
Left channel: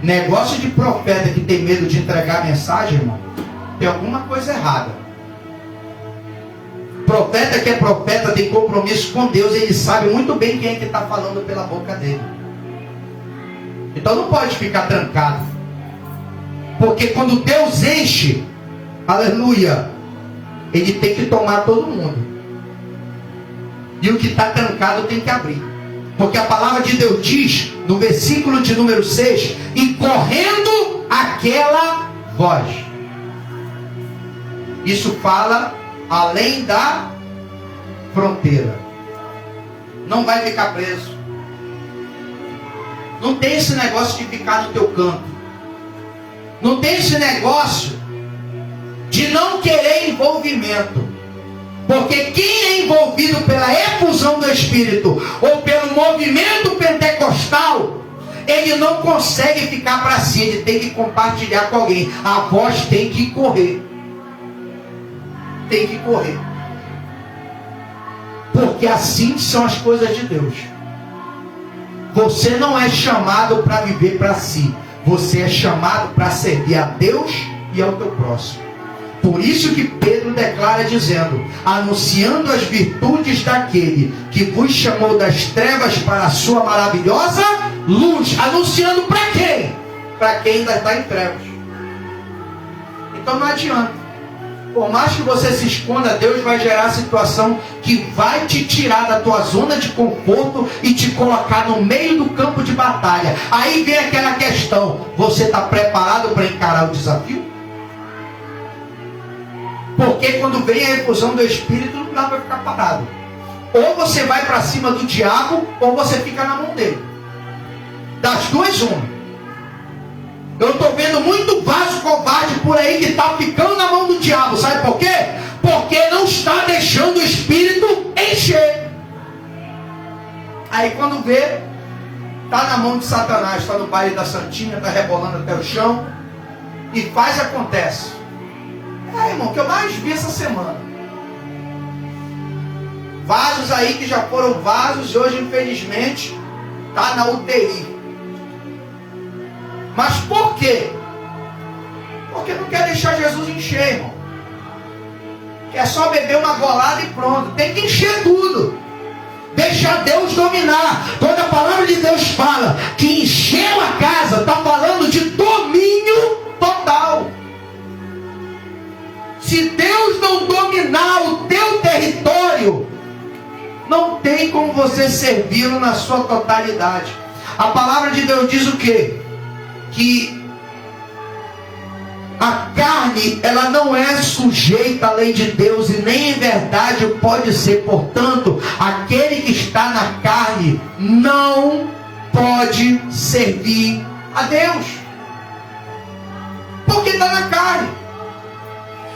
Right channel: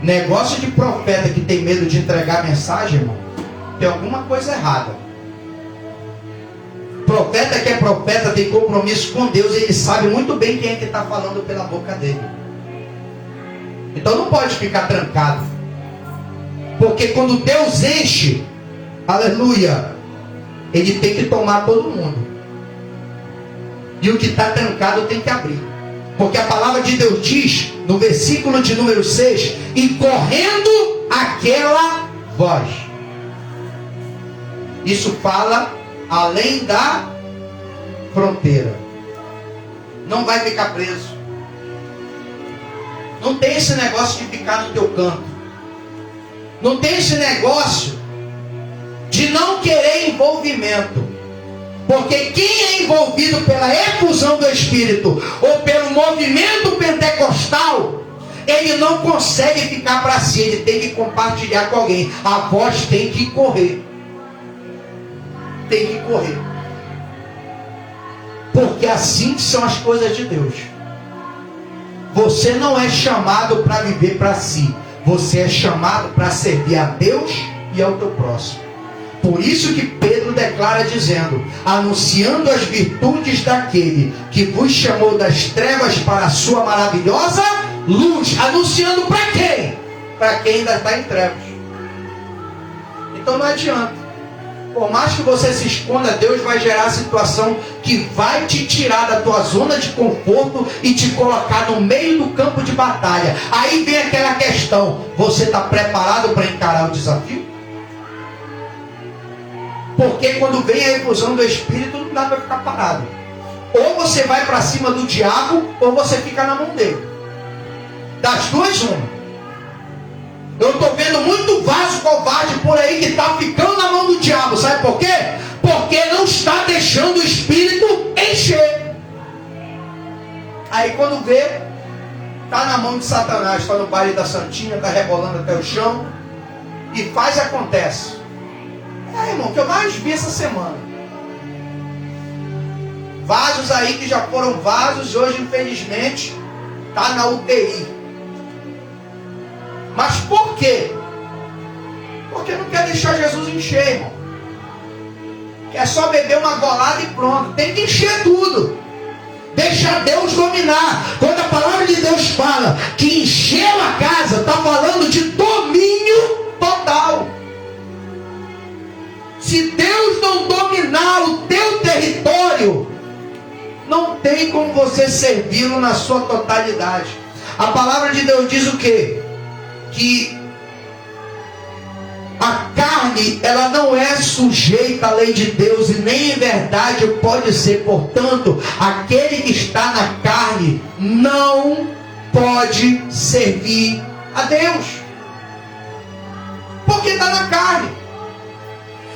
Negócio de profeta que tem medo de entregar a mensagem, irmão, tem alguma coisa errada. Profeta que é profeta tem compromisso com Deus, ele sabe muito bem quem é que está falando pela boca dele. Então não pode ficar trancado. Porque quando Deus enche, aleluia, ele tem que tomar todo mundo. E o que está trancado tem que abrir. Porque a palavra de Deus diz, no versículo de número 6, e correndo aquela voz. Isso fala além da fronteira. Não vai ficar preso. Não tem esse negócio de ficar no teu canto. Não tem esse negócio de não querer envolvimento. Porque quem é envolvido pela efusão do Espírito ou pelo movimento pentecostal, ele não consegue ficar para si, ele tem que compartilhar com alguém. A voz tem que correr. Tem que correr. Porque assim são as coisas de Deus. Você não é chamado para viver para si. Você é chamado para servir a Deus e ao teu próximo. Por isso que Pedro declara dizendo: anunciando as virtudes daquele que vos chamou das trevas para a sua maravilhosa luz. Anunciando para quem? Para quem ainda está em trevas. Então não adianta. Por mais que você se esconda, Deus vai gerar a situação que vai te tirar da tua zona de conforto e te colocar no meio do campo de batalha. Aí vem aquela questão: você está preparado para encarar o desafio? Porque quando vem a efusão do Espírito, não dá para ficar parado. Ou você vai para cima do diabo, ou você fica na mão dele. Das duas, uma. Eu estou vendo muito vaso covarde por aí que está ficando na mão do diabo. Sabe por quê? Porque não está deixando o Espírito encher. Aí quando vê, está na mão de Satanás, está no baile da Santinha, está rebolando até o chão. E faz e acontece. Irmão, o que eu mais vi essa semana. Vasos aí que já foram vasos e hoje, infelizmente, está na UTI. Mas por quê? Porque não quer deixar Jesus encher, irmão. Quer só beber uma golada e pronto. Tem que encher tudo. Deixa Deus dominar. Quando a palavra de Deus fala que encheu a casa, está falando de domínio total. Se Deus não dominar o teu território, não tem como você servi-lo na sua totalidade. A palavra de Deus diz o quê? Que a carne, ela não é sujeita à lei de Deus e nem em verdade pode ser. Portanto, aquele que está na carne não pode servir a Deus, porque está na carne.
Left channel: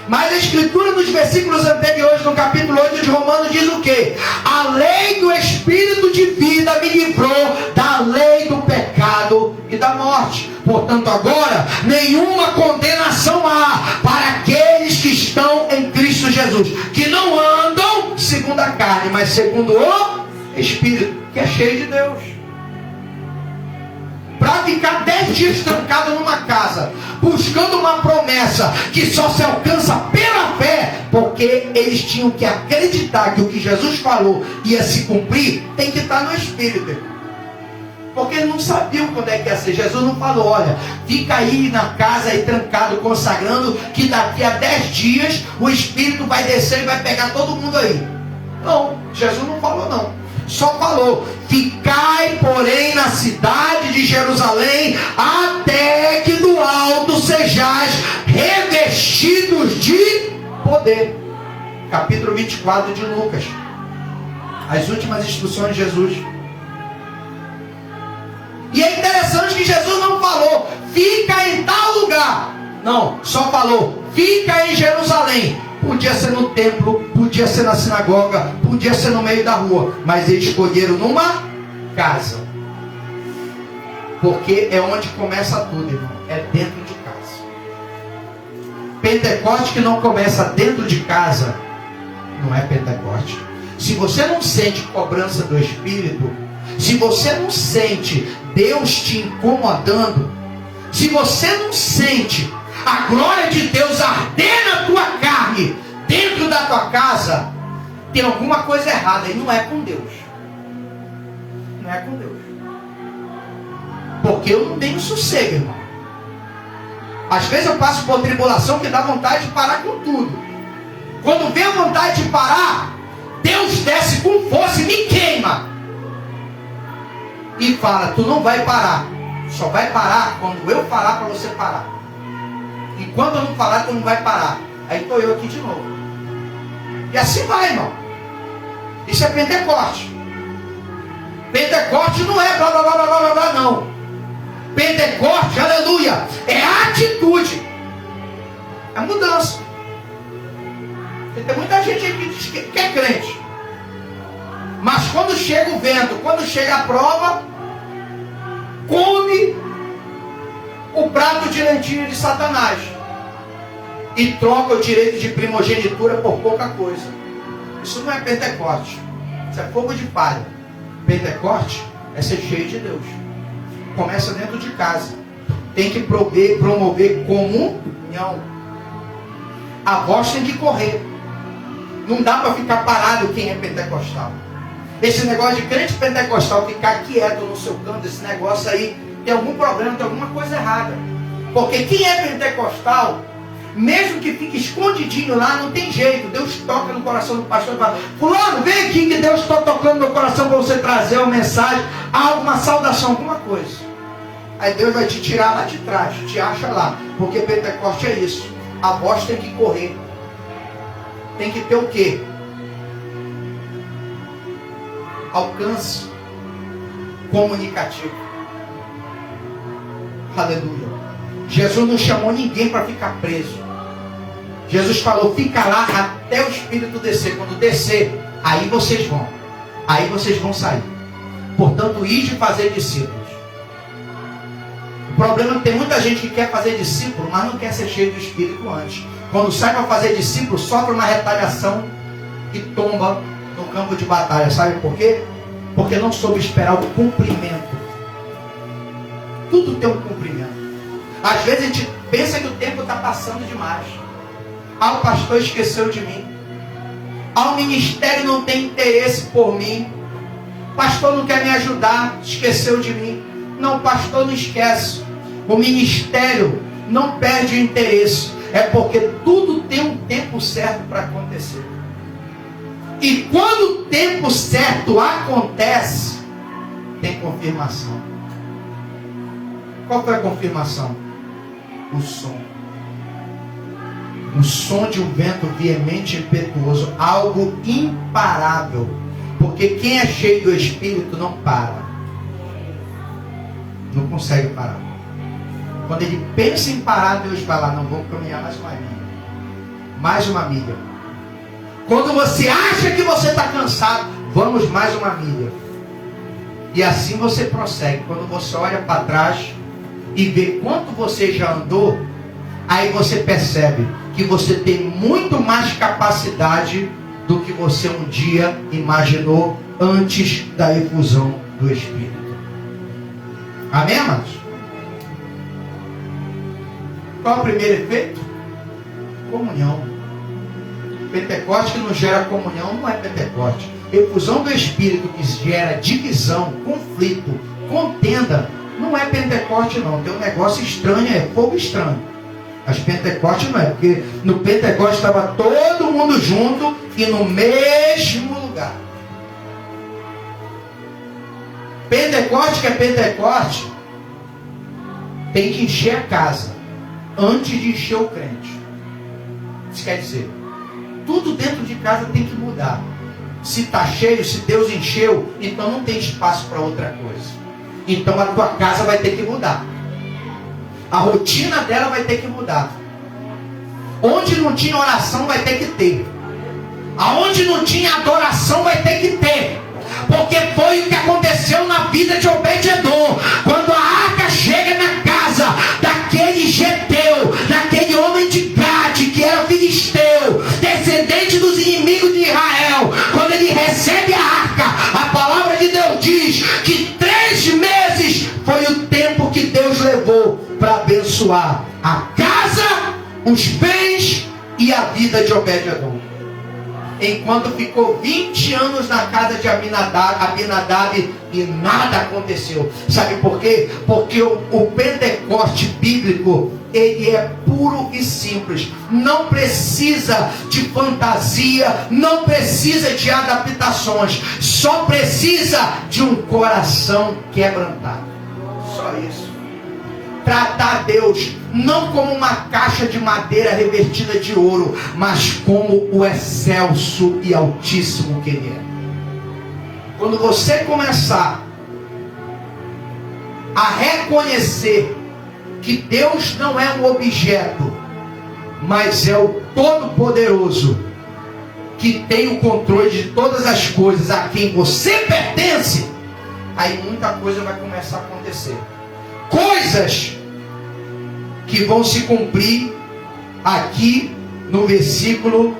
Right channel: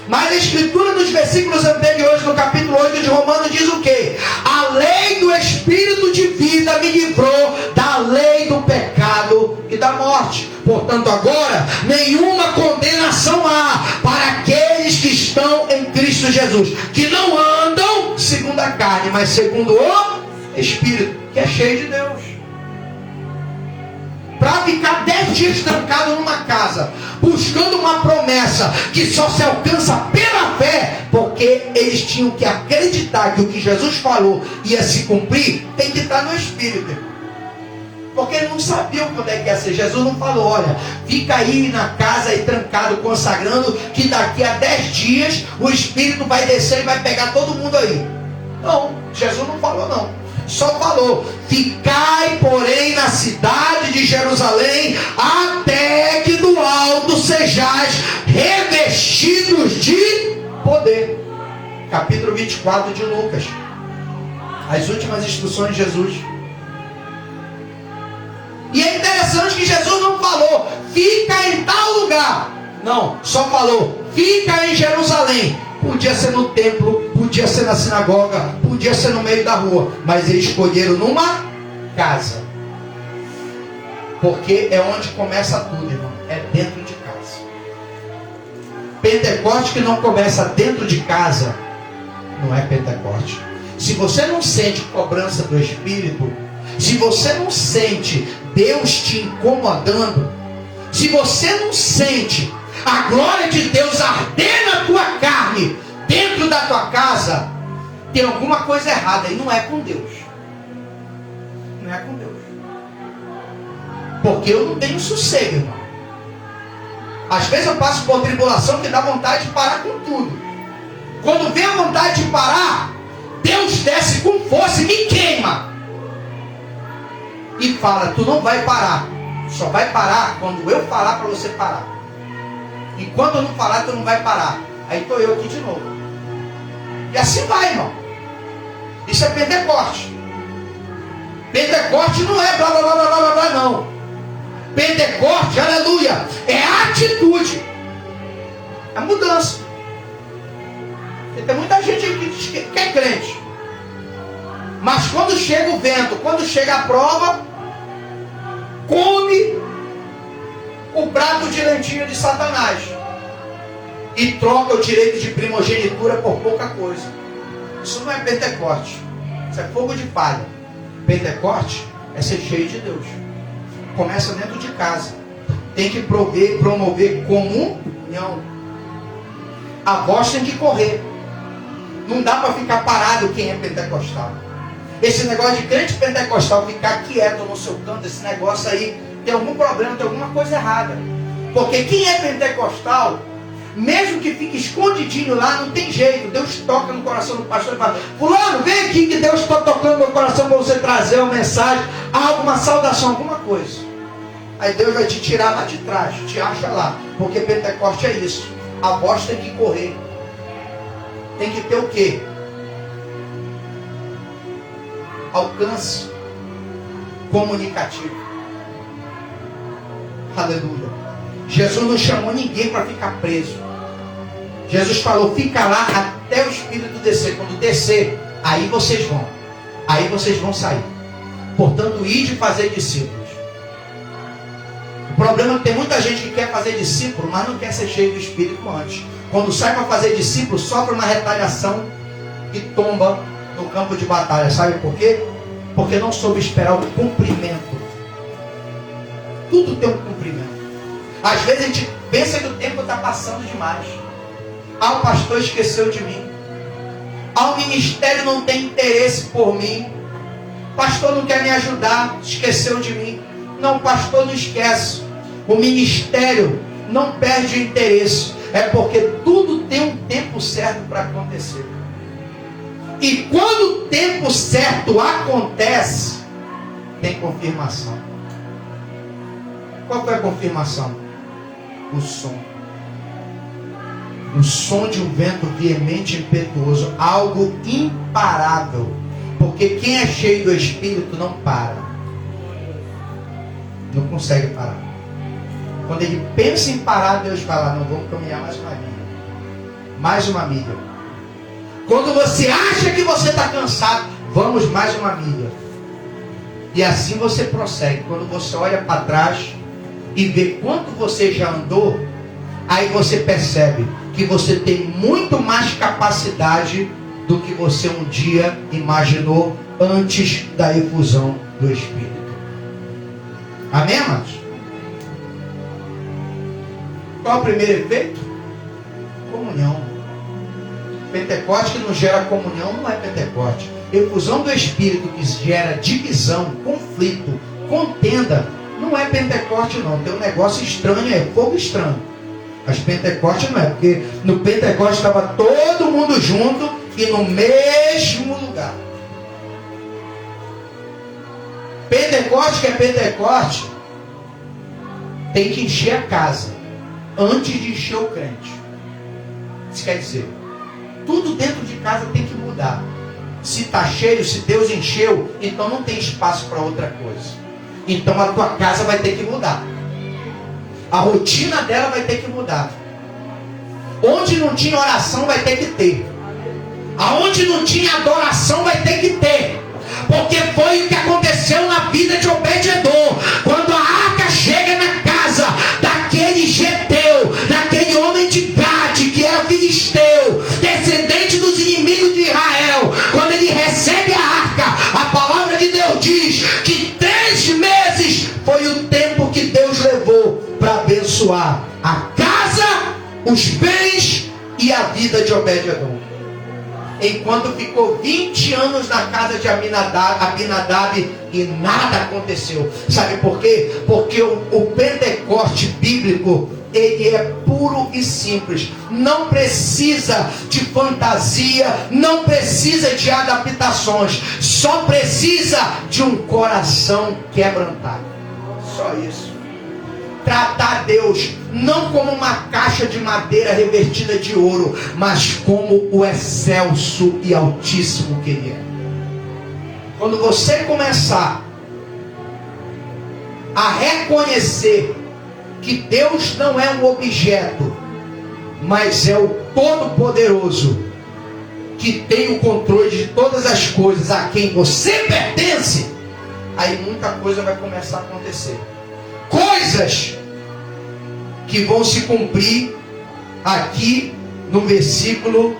Mas a Escritura, nos versículos anteriores, no capítulo 8 de Romanos, diz o quê? A lei do Espírito de vida me livrou da lei do pecado e da morte. Portanto, agora, nenhuma condenação há para aqueles que estão em Cristo Jesus, que não andam segundo a carne, mas segundo o Espírito, que é cheio de Deus. Para ficar 10 dias trancado numa casa, buscando uma promessa que só se alcança pela fé, porque eles tinham que acreditar que o que Jesus falou ia se cumprir, tem que estar no Espírito. Porque eles não sabiam quando é que ia ser. Jesus não falou: olha, fica aí na casa aí trancado, consagrando, que daqui a 10 dias o Espírito vai descer e vai pegar todo mundo aí. Não, Jesus não falou não. Só falou: ficai, porém, na cidade de Jerusalém, até que do alto sejais revestidos de poder. Capítulo 24 de Lucas. As últimas instruções de Jesus. E é interessante que Jesus não falou: fica em tal lugar. Não, só falou: fica em Jerusalém. Podia ser no templo, podia ser na sinagoga, podia ser no meio da rua, mas eles escolheram numa casa. Porque é onde começa tudo, irmão. É dentro de casa. Pentecoste que não começa dentro de casa não é Pentecoste. Se você não sente cobrança do Espírito, se você não sente Deus te incomodando, se você não sente a glória de Deus arder na tua carne, dentro da tua casa, tem alguma coisa errada. E não é com Deus. Não é com Deus. Porque eu não tenho sossego, irmão. Às vezes eu passo por tribulação que dá vontade de parar com tudo. Quando vem a vontade de parar, Deus desce com força e me queima. E fala: tu não vai parar. Só vai parar quando eu falar para você parar. E quando eu não falar, tu não vai parar. Aí estou eu aqui de novo. E assim vai, irmão. Isso é Pentecoste. Pentecoste não é blá blá blá blá blá blá, não. Pentecoste, aleluia, é a atitude, a mudança. E tem muita gente que diz que é crente, mas quando chega o vento, quando chega a prova, come o prato de lentilha de Satanás e troca o direito de primogenitura por pouca coisa. Isso não é Pentecoste, isso é fogo de palha. Pentecoste é ser cheio de Deus. Começa dentro de casa. Tem que promover comunhão. A voz tem que correr. Não dá para ficar parado quem é pentecostal. Esse negócio de crente pentecostal ficar quieto no seu canto, esse negócio aí tem algum problema, tem alguma coisa errada. Porque quem é pentecostal, mesmo que fique escondidinho lá, não tem jeito. Deus toca no coração do pastor e fala: fulano, vem aqui que Deus está tocando no meu coração para você trazer uma mensagem, alguma saudação, alguma coisa. Aí Deus vai te tirar lá de trás, te acha lá. Porque Pentecoste é isso. A voz tem que correr. Tem que ter o quê? Alcance comunicativo. Aleluia. Jesus não chamou ninguém para ficar preso. Jesus falou: fica lá até o Espírito descer. Quando descer, aí vocês vão. Aí vocês vão sair. Portanto, ide fazer discípulos. O problema é que tem muita gente que quer fazer discípulo, mas não quer ser cheio do Espírito antes. Quando sai para fazer discípulo, sofre uma retaliação e tomba no campo de batalha. Sabe por quê? Porque não soube esperar o cumprimento. Tudo tem um cumprimento. Às vezes a gente pensa que o tempo está passando demais. Ah, o pastor esqueceu de mim. Ah, o ministério não tem interesse por mim. O pastor não quer me ajudar, esqueceu de mim. Não, o pastor não esquece. O ministério não perde o interesse. É porque tudo tem um tempo certo para acontecer. E quando o tempo certo acontece, tem confirmação. Qual foi a confirmação? O som. O som de um vento veemente e impetuoso, algo imparável. Porque quem é cheio do Espírito não para. Não consegue parar. Quando ele pensa em parar, Deus vai lá: não, vamos caminhar mais uma milha. Mais uma milha. Quando você acha que você está cansado, vamos mais uma milha. E assim você prossegue. Quando você olha para trás e vê quanto você já andou, aí você percebe que você tem muito mais capacidade do que você um dia imaginou antes da efusão do Espírito. Amém, amados? Qual é o primeiro efeito? Comunhão. Pentecoste que não gera comunhão não é Pentecoste. Efusão do Espírito que gera divisão, conflito, contenda, não é Pentecoste não. Tem um negócio estranho, é fogo estranho. Mas Pentecoste não é, porque no Pentecoste estava todo mundo junto e no mesmo lugar. Pentecoste que é Pentecoste tem que encher a casa antes de encher o crente. Isso quer dizer, tudo dentro de casa tem que mudar. Se está cheio, se Deus encheu, então não tem espaço para outra coisa. Então a tua casa vai ter que mudar. A rotina dela vai ter que mudar. Onde não tinha oração vai ter que ter. Aonde não tinha adoração vai ter que ter. Porque foi o que aconteceu na vida de Obed-edom. Quando a arca chega na casa daquele geteu, daquele homem de Gade, que era filisteu, descendente dos inimigos de Israel, quando ele recebe a arca, a palavra de Deus diz que 3 meses foi o tempo que Deus levou para abençoar a casa, os bens e a vida de Obed-edom. Enquanto ficou 20 anos na casa de Abinadab e nada aconteceu. Sabe por quê? Porque o Pentecoste bíblico, ele é puro e simples. Não precisa de fantasia, não precisa de adaptações. Só precisa de um coração quebrantado. Só isso. Tratar Deus não como uma caixa de madeira revestida de ouro, mas como o excelso e altíssimo que Ele é. Quando você começar a reconhecer que Deus não é um objeto, mas é o Todo-Poderoso, que tem o controle de todas as coisas, a quem você pertence, aí muita coisa vai começar a acontecer. Coisas que vão se cumprir aqui no versículo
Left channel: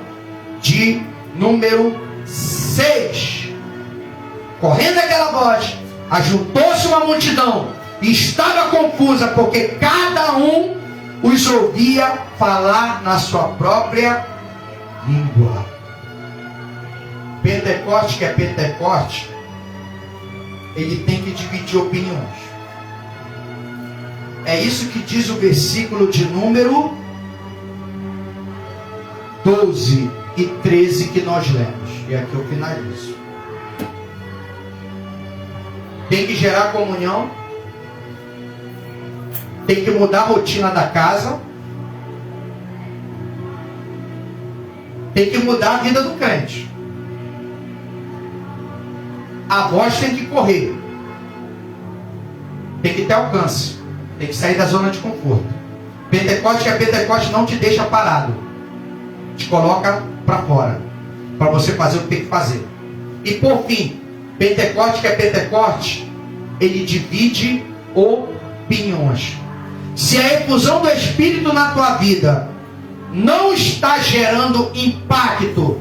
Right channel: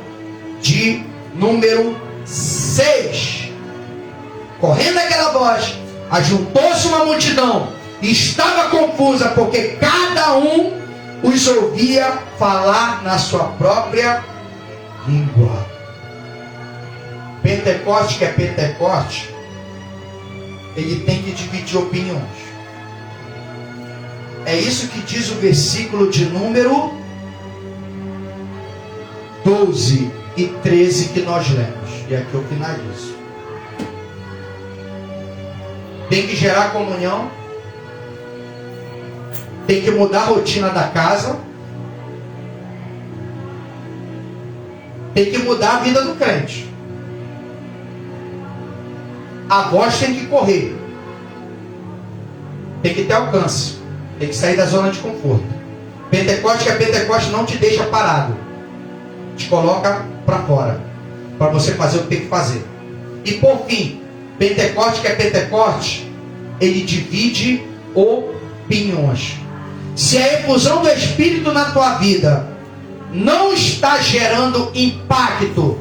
de número 6. Correndo aquela voz, ajuntou-se uma multidão, e estava confusa, porque cada um os ouvia falar na sua própria língua. Pentecoste, que é Pentecoste, ele tem que dividir opiniões. É isso que diz o versículo de número 12 e 13 que nós lemos. E aqui eu finalizo. Tem que gerar comunhão. Tem que mudar a rotina da casa. Tem que mudar a vida do crente. A voz tem que correr. Tem que ter alcance. Tem que sair da zona de conforto. Pentecoste, que é Pentecoste, não te deixa parado. Te coloca para fora. Para você fazer o que tem que fazer. E por fim, Pentecoste, que é Pentecoste, ele divide opiniões. Se a efusão do Espírito na tua vida não está gerando impacto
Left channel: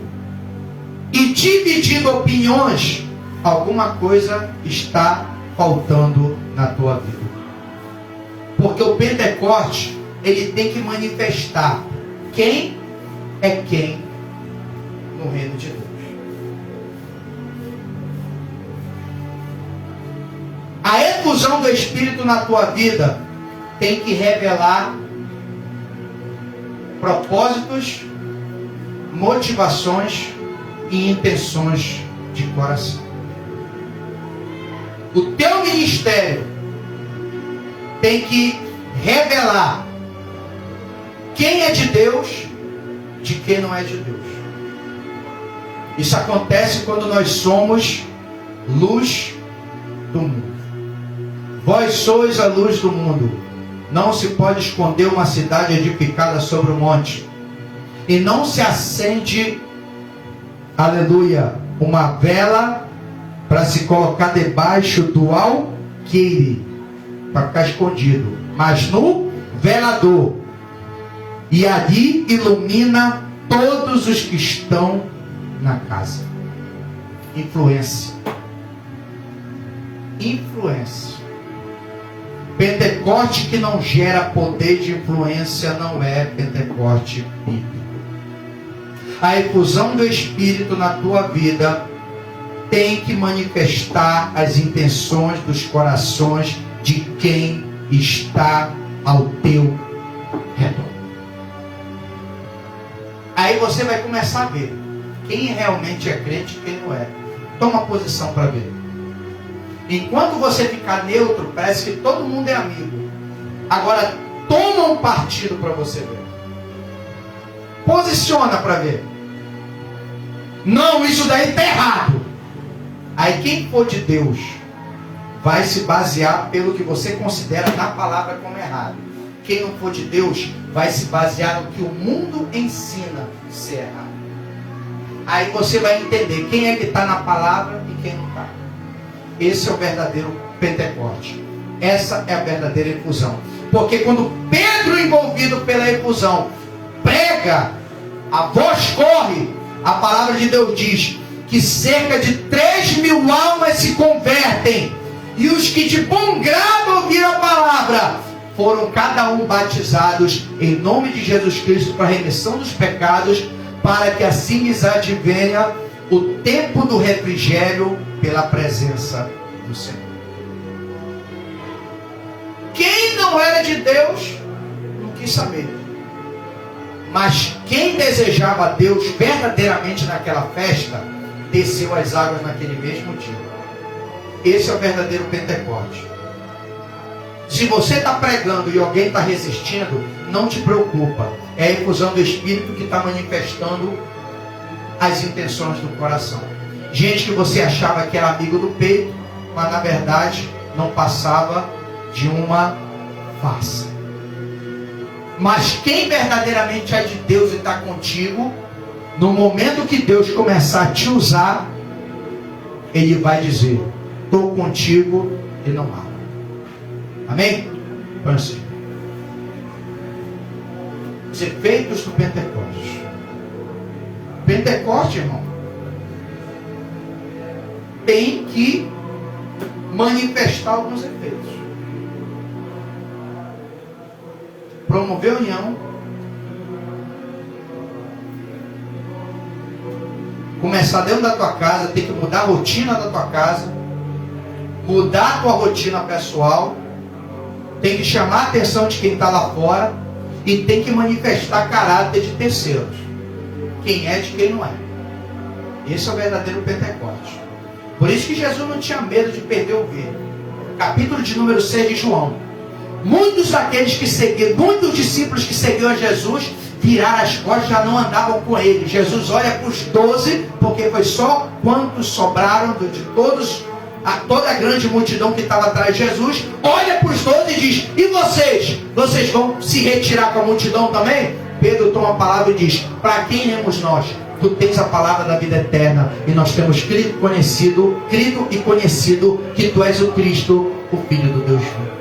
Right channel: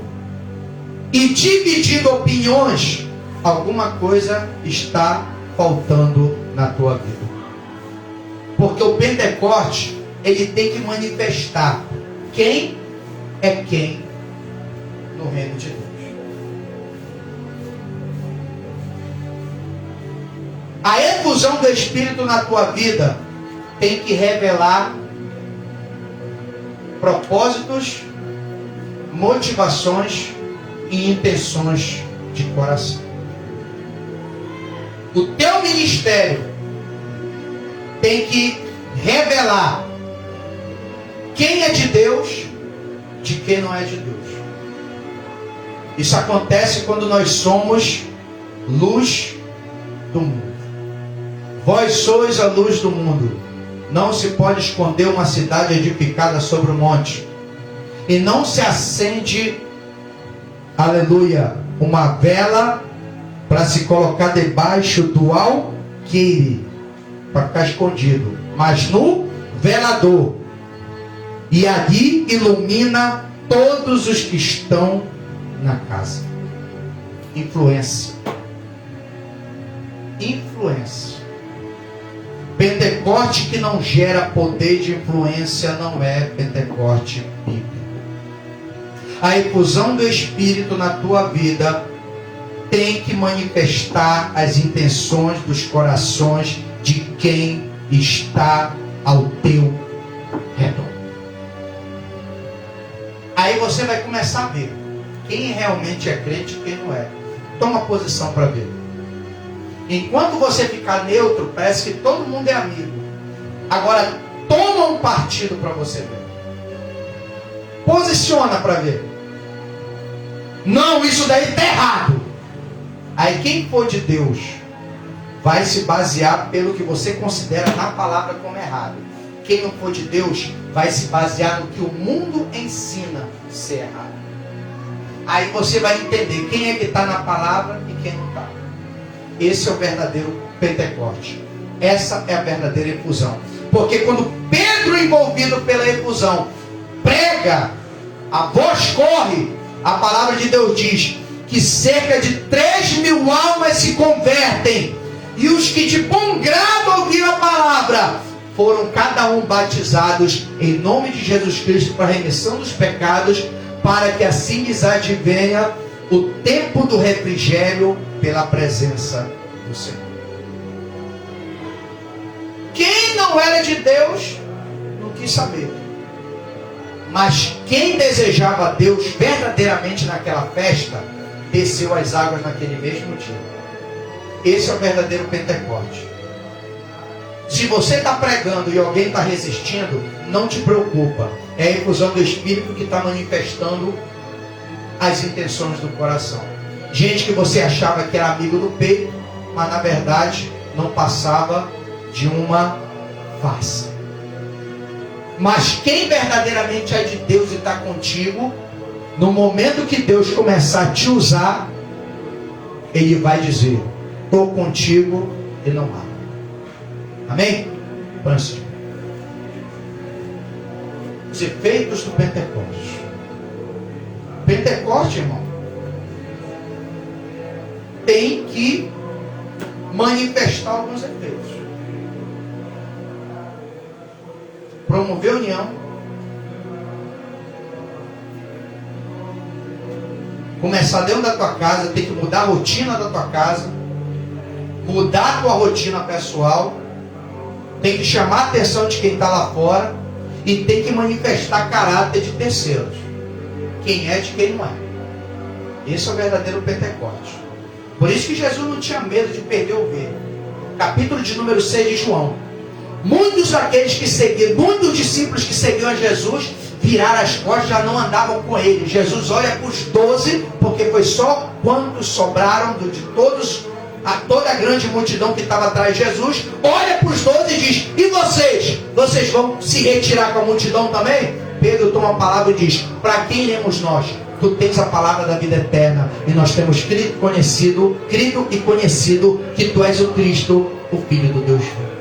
e dividindo opiniões, alguma coisa está faltando na tua vida. Porque o Pentecoste, ele tem que manifestar quem é quem no reino de Deus. A efusão do Espírito na tua vida tem que revelar propósitos, motivações e intenções de coração. O teu ministério tem que revelar quem é de Deus de quem não é de Deus. Isso acontece quando nós somos luz do mundo. Vós sois a luz do mundo. Não se pode esconder uma cidade edificada sobre o monte. E não se acende, aleluia, uma vela para se colocar debaixo do alqueire, para ficar escondido, mas no velador. E ali ilumina todos os que estão na casa. Influência. Influência. Pentecoste que não gera poder de influência não é Pentecoste bíblico. A efusão do Espírito na tua vida tem que manifestar as intenções dos corações de quem está ao teu redor. Aí você vai começar a ver quem realmente é crente e quem não é. Toma posição para ver. Enquanto você ficar neutro, parece que todo mundo é amigo. Agora, toma um partido para você ver. Posiciona para ver. Não, isso daí está errado. Aí quem for de Deus vai se basear pelo que você considera na palavra como errado. Quem não for de Deus vai se basear no que o mundo ensina ser errado. Aí você vai entender quem é que está na palavra e quem não está. Esse é o verdadeiro Pentecoste. Essa é a verdadeira efusão. Porque quando Pedro, envolvido pela efusão, prega, a voz corre, a palavra de Deus diz que cerca de 3.000 almas se convertem. E os que de bom grado ouviram a palavra foram cada um batizados em nome de Jesus Cristo para a remissão dos pecados, para que assim lhes advenha o tempo do refrigério pela presença do Senhor. Quem não era de Deus não quis saber. Mas quem desejava Deus verdadeiramente naquela festa, desceu as águas naquele mesmo dia. Esse é o verdadeiro Pentecoste. Se você está pregando e alguém está resistindo, não te preocupa. É a efusão do Espírito que está manifestando as intenções do coração. Gente que você achava que era amigo do peito, mas na verdade não passava de uma farsa. Mas quem verdadeiramente é de Deus e está contigo, no momento que Deus começar a te usar, Ele vai dizer: estou contigo e não há. Amém? Põe assim. Os efeitos do Pentecostes. Pentecoste, irmão, tem que manifestar alguns efeitos. Promover a união, começar dentro da tua casa, tem que mudar a rotina da tua casa, mudar a tua rotina pessoal, tem que chamar a atenção de quem está lá fora e tem que manifestar caráter de terceiros. Quem é de quem não é. Esse é o verdadeiro Pentecoste. Por isso que Jesus não tinha medo de perder o ovelha. Capítulo de número 6 de João. Muitos daqueles que seguiam, muitos discípulos que seguiam a Jesus, viraram as costas, já não andavam com ele. Jesus olha para os 12, porque foi só quantos sobraram de todos, toda a grande multidão que estava atrás de Jesus. Olha para os 12 e diz: e vocês? Vocês vão se retirar com a multidão também? Pedro toma a palavra e diz: para quem iremos nós? Tu tens a palavra da vida eterna, e nós temos crido e conhecido que tu és o Cristo, o Filho do Deus vivo.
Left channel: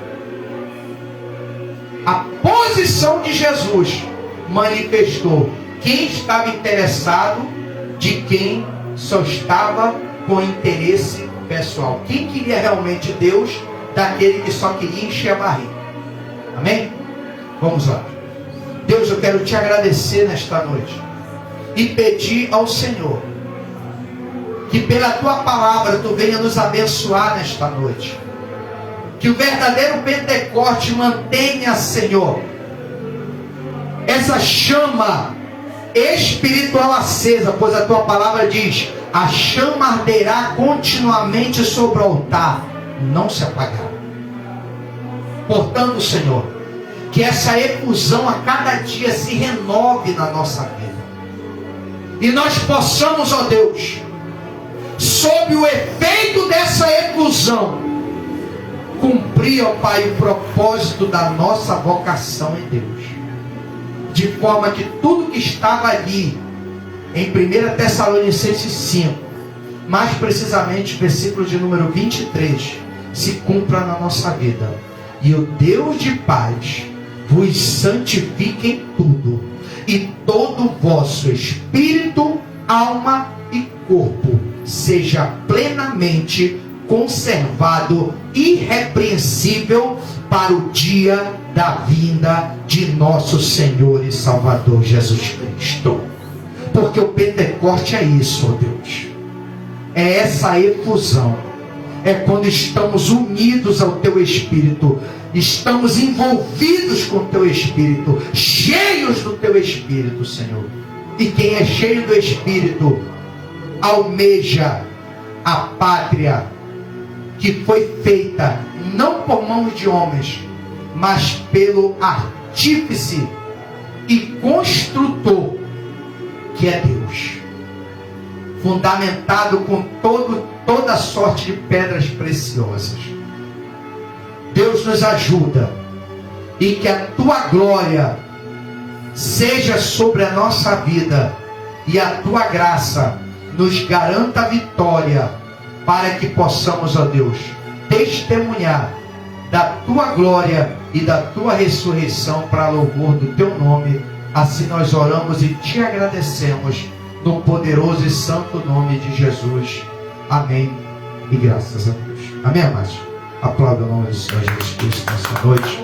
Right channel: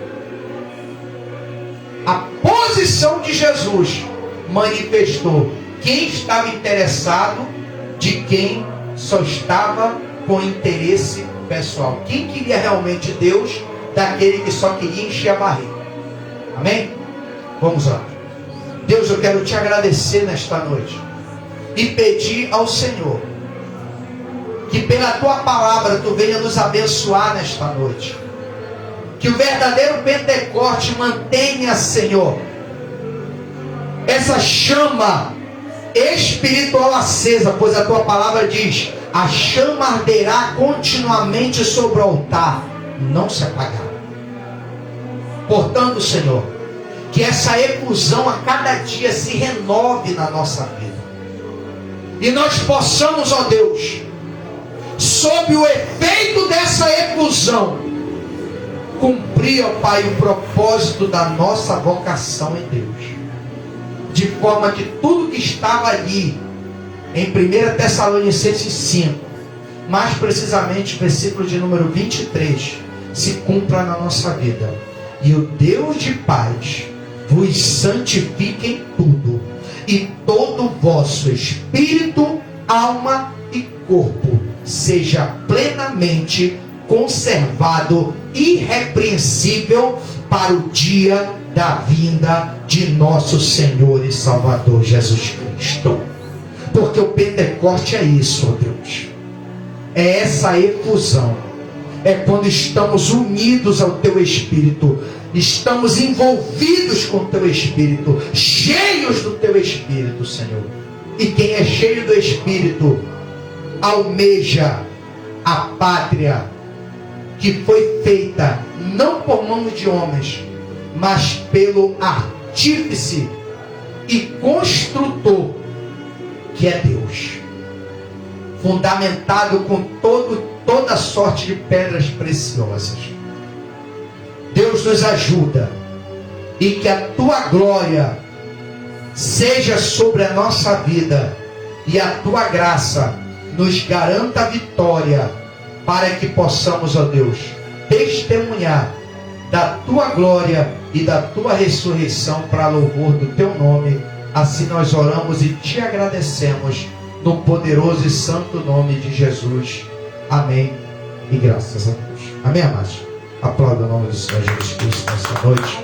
A posição de Jesus manifestou quem estava interessado de quem só estava com interesse pessoal. Quem queria realmente Deus, daquele que só queria encher a barriga. Amém? Vamos lá. Deus, eu quero te agradecer nesta noite e pedir ao Senhor que pela tua palavra tu venha nos abençoar nesta noite. Que o verdadeiro Pentecoste mantenha, Senhor, essa chama espiritual acesa, pois a tua palavra diz: a chama arderá continuamente sobre o altar, não se apagará. Portanto, Senhor, que essa efusão a cada dia se renove na nossa vida. E nós possamos, ó Deus, sob o efeito dessa efusão, cumprir, ó Pai, o propósito da nossa vocação em Deus. De forma que tudo que estava ali, em 1 Tessalonicenses 5, mais precisamente, versículo de número 23, se cumpra na nossa vida. E o Deus de paz vos santifique em tudo, e todo o vosso espírito, alma e corpo seja plenamente conservado, irrepreensível, para o dia da vinda de nosso Senhor e Salvador Jesus Cristo. Porque o Pentecoste é isso, ó Deus. É essa efusão. É quando estamos unidos ao Teu Espírito, estamos envolvidos com o Teu Espírito, cheios do Teu Espírito, Senhor. E quem é cheio do Espírito almeja a pátria que foi feita não por mãos de homens, mas pelo artífice e construtor, que é Deus, fundamentado com toda sorte de pedras preciosas. Deus nos ajuda, e que a tua glória seja sobre a nossa vida, e a tua graça nos garanta a vitória, para que possamos, ó Deus, testemunhar da tua glória e da tua ressurreição para louvor do teu nome. Assim nós oramos e te agradecemos, no poderoso e santo nome de Jesus. Amém. E graças a Deus. Amém, amados? Aplauda o nome do Senhor Jesus Cristo nessa noite.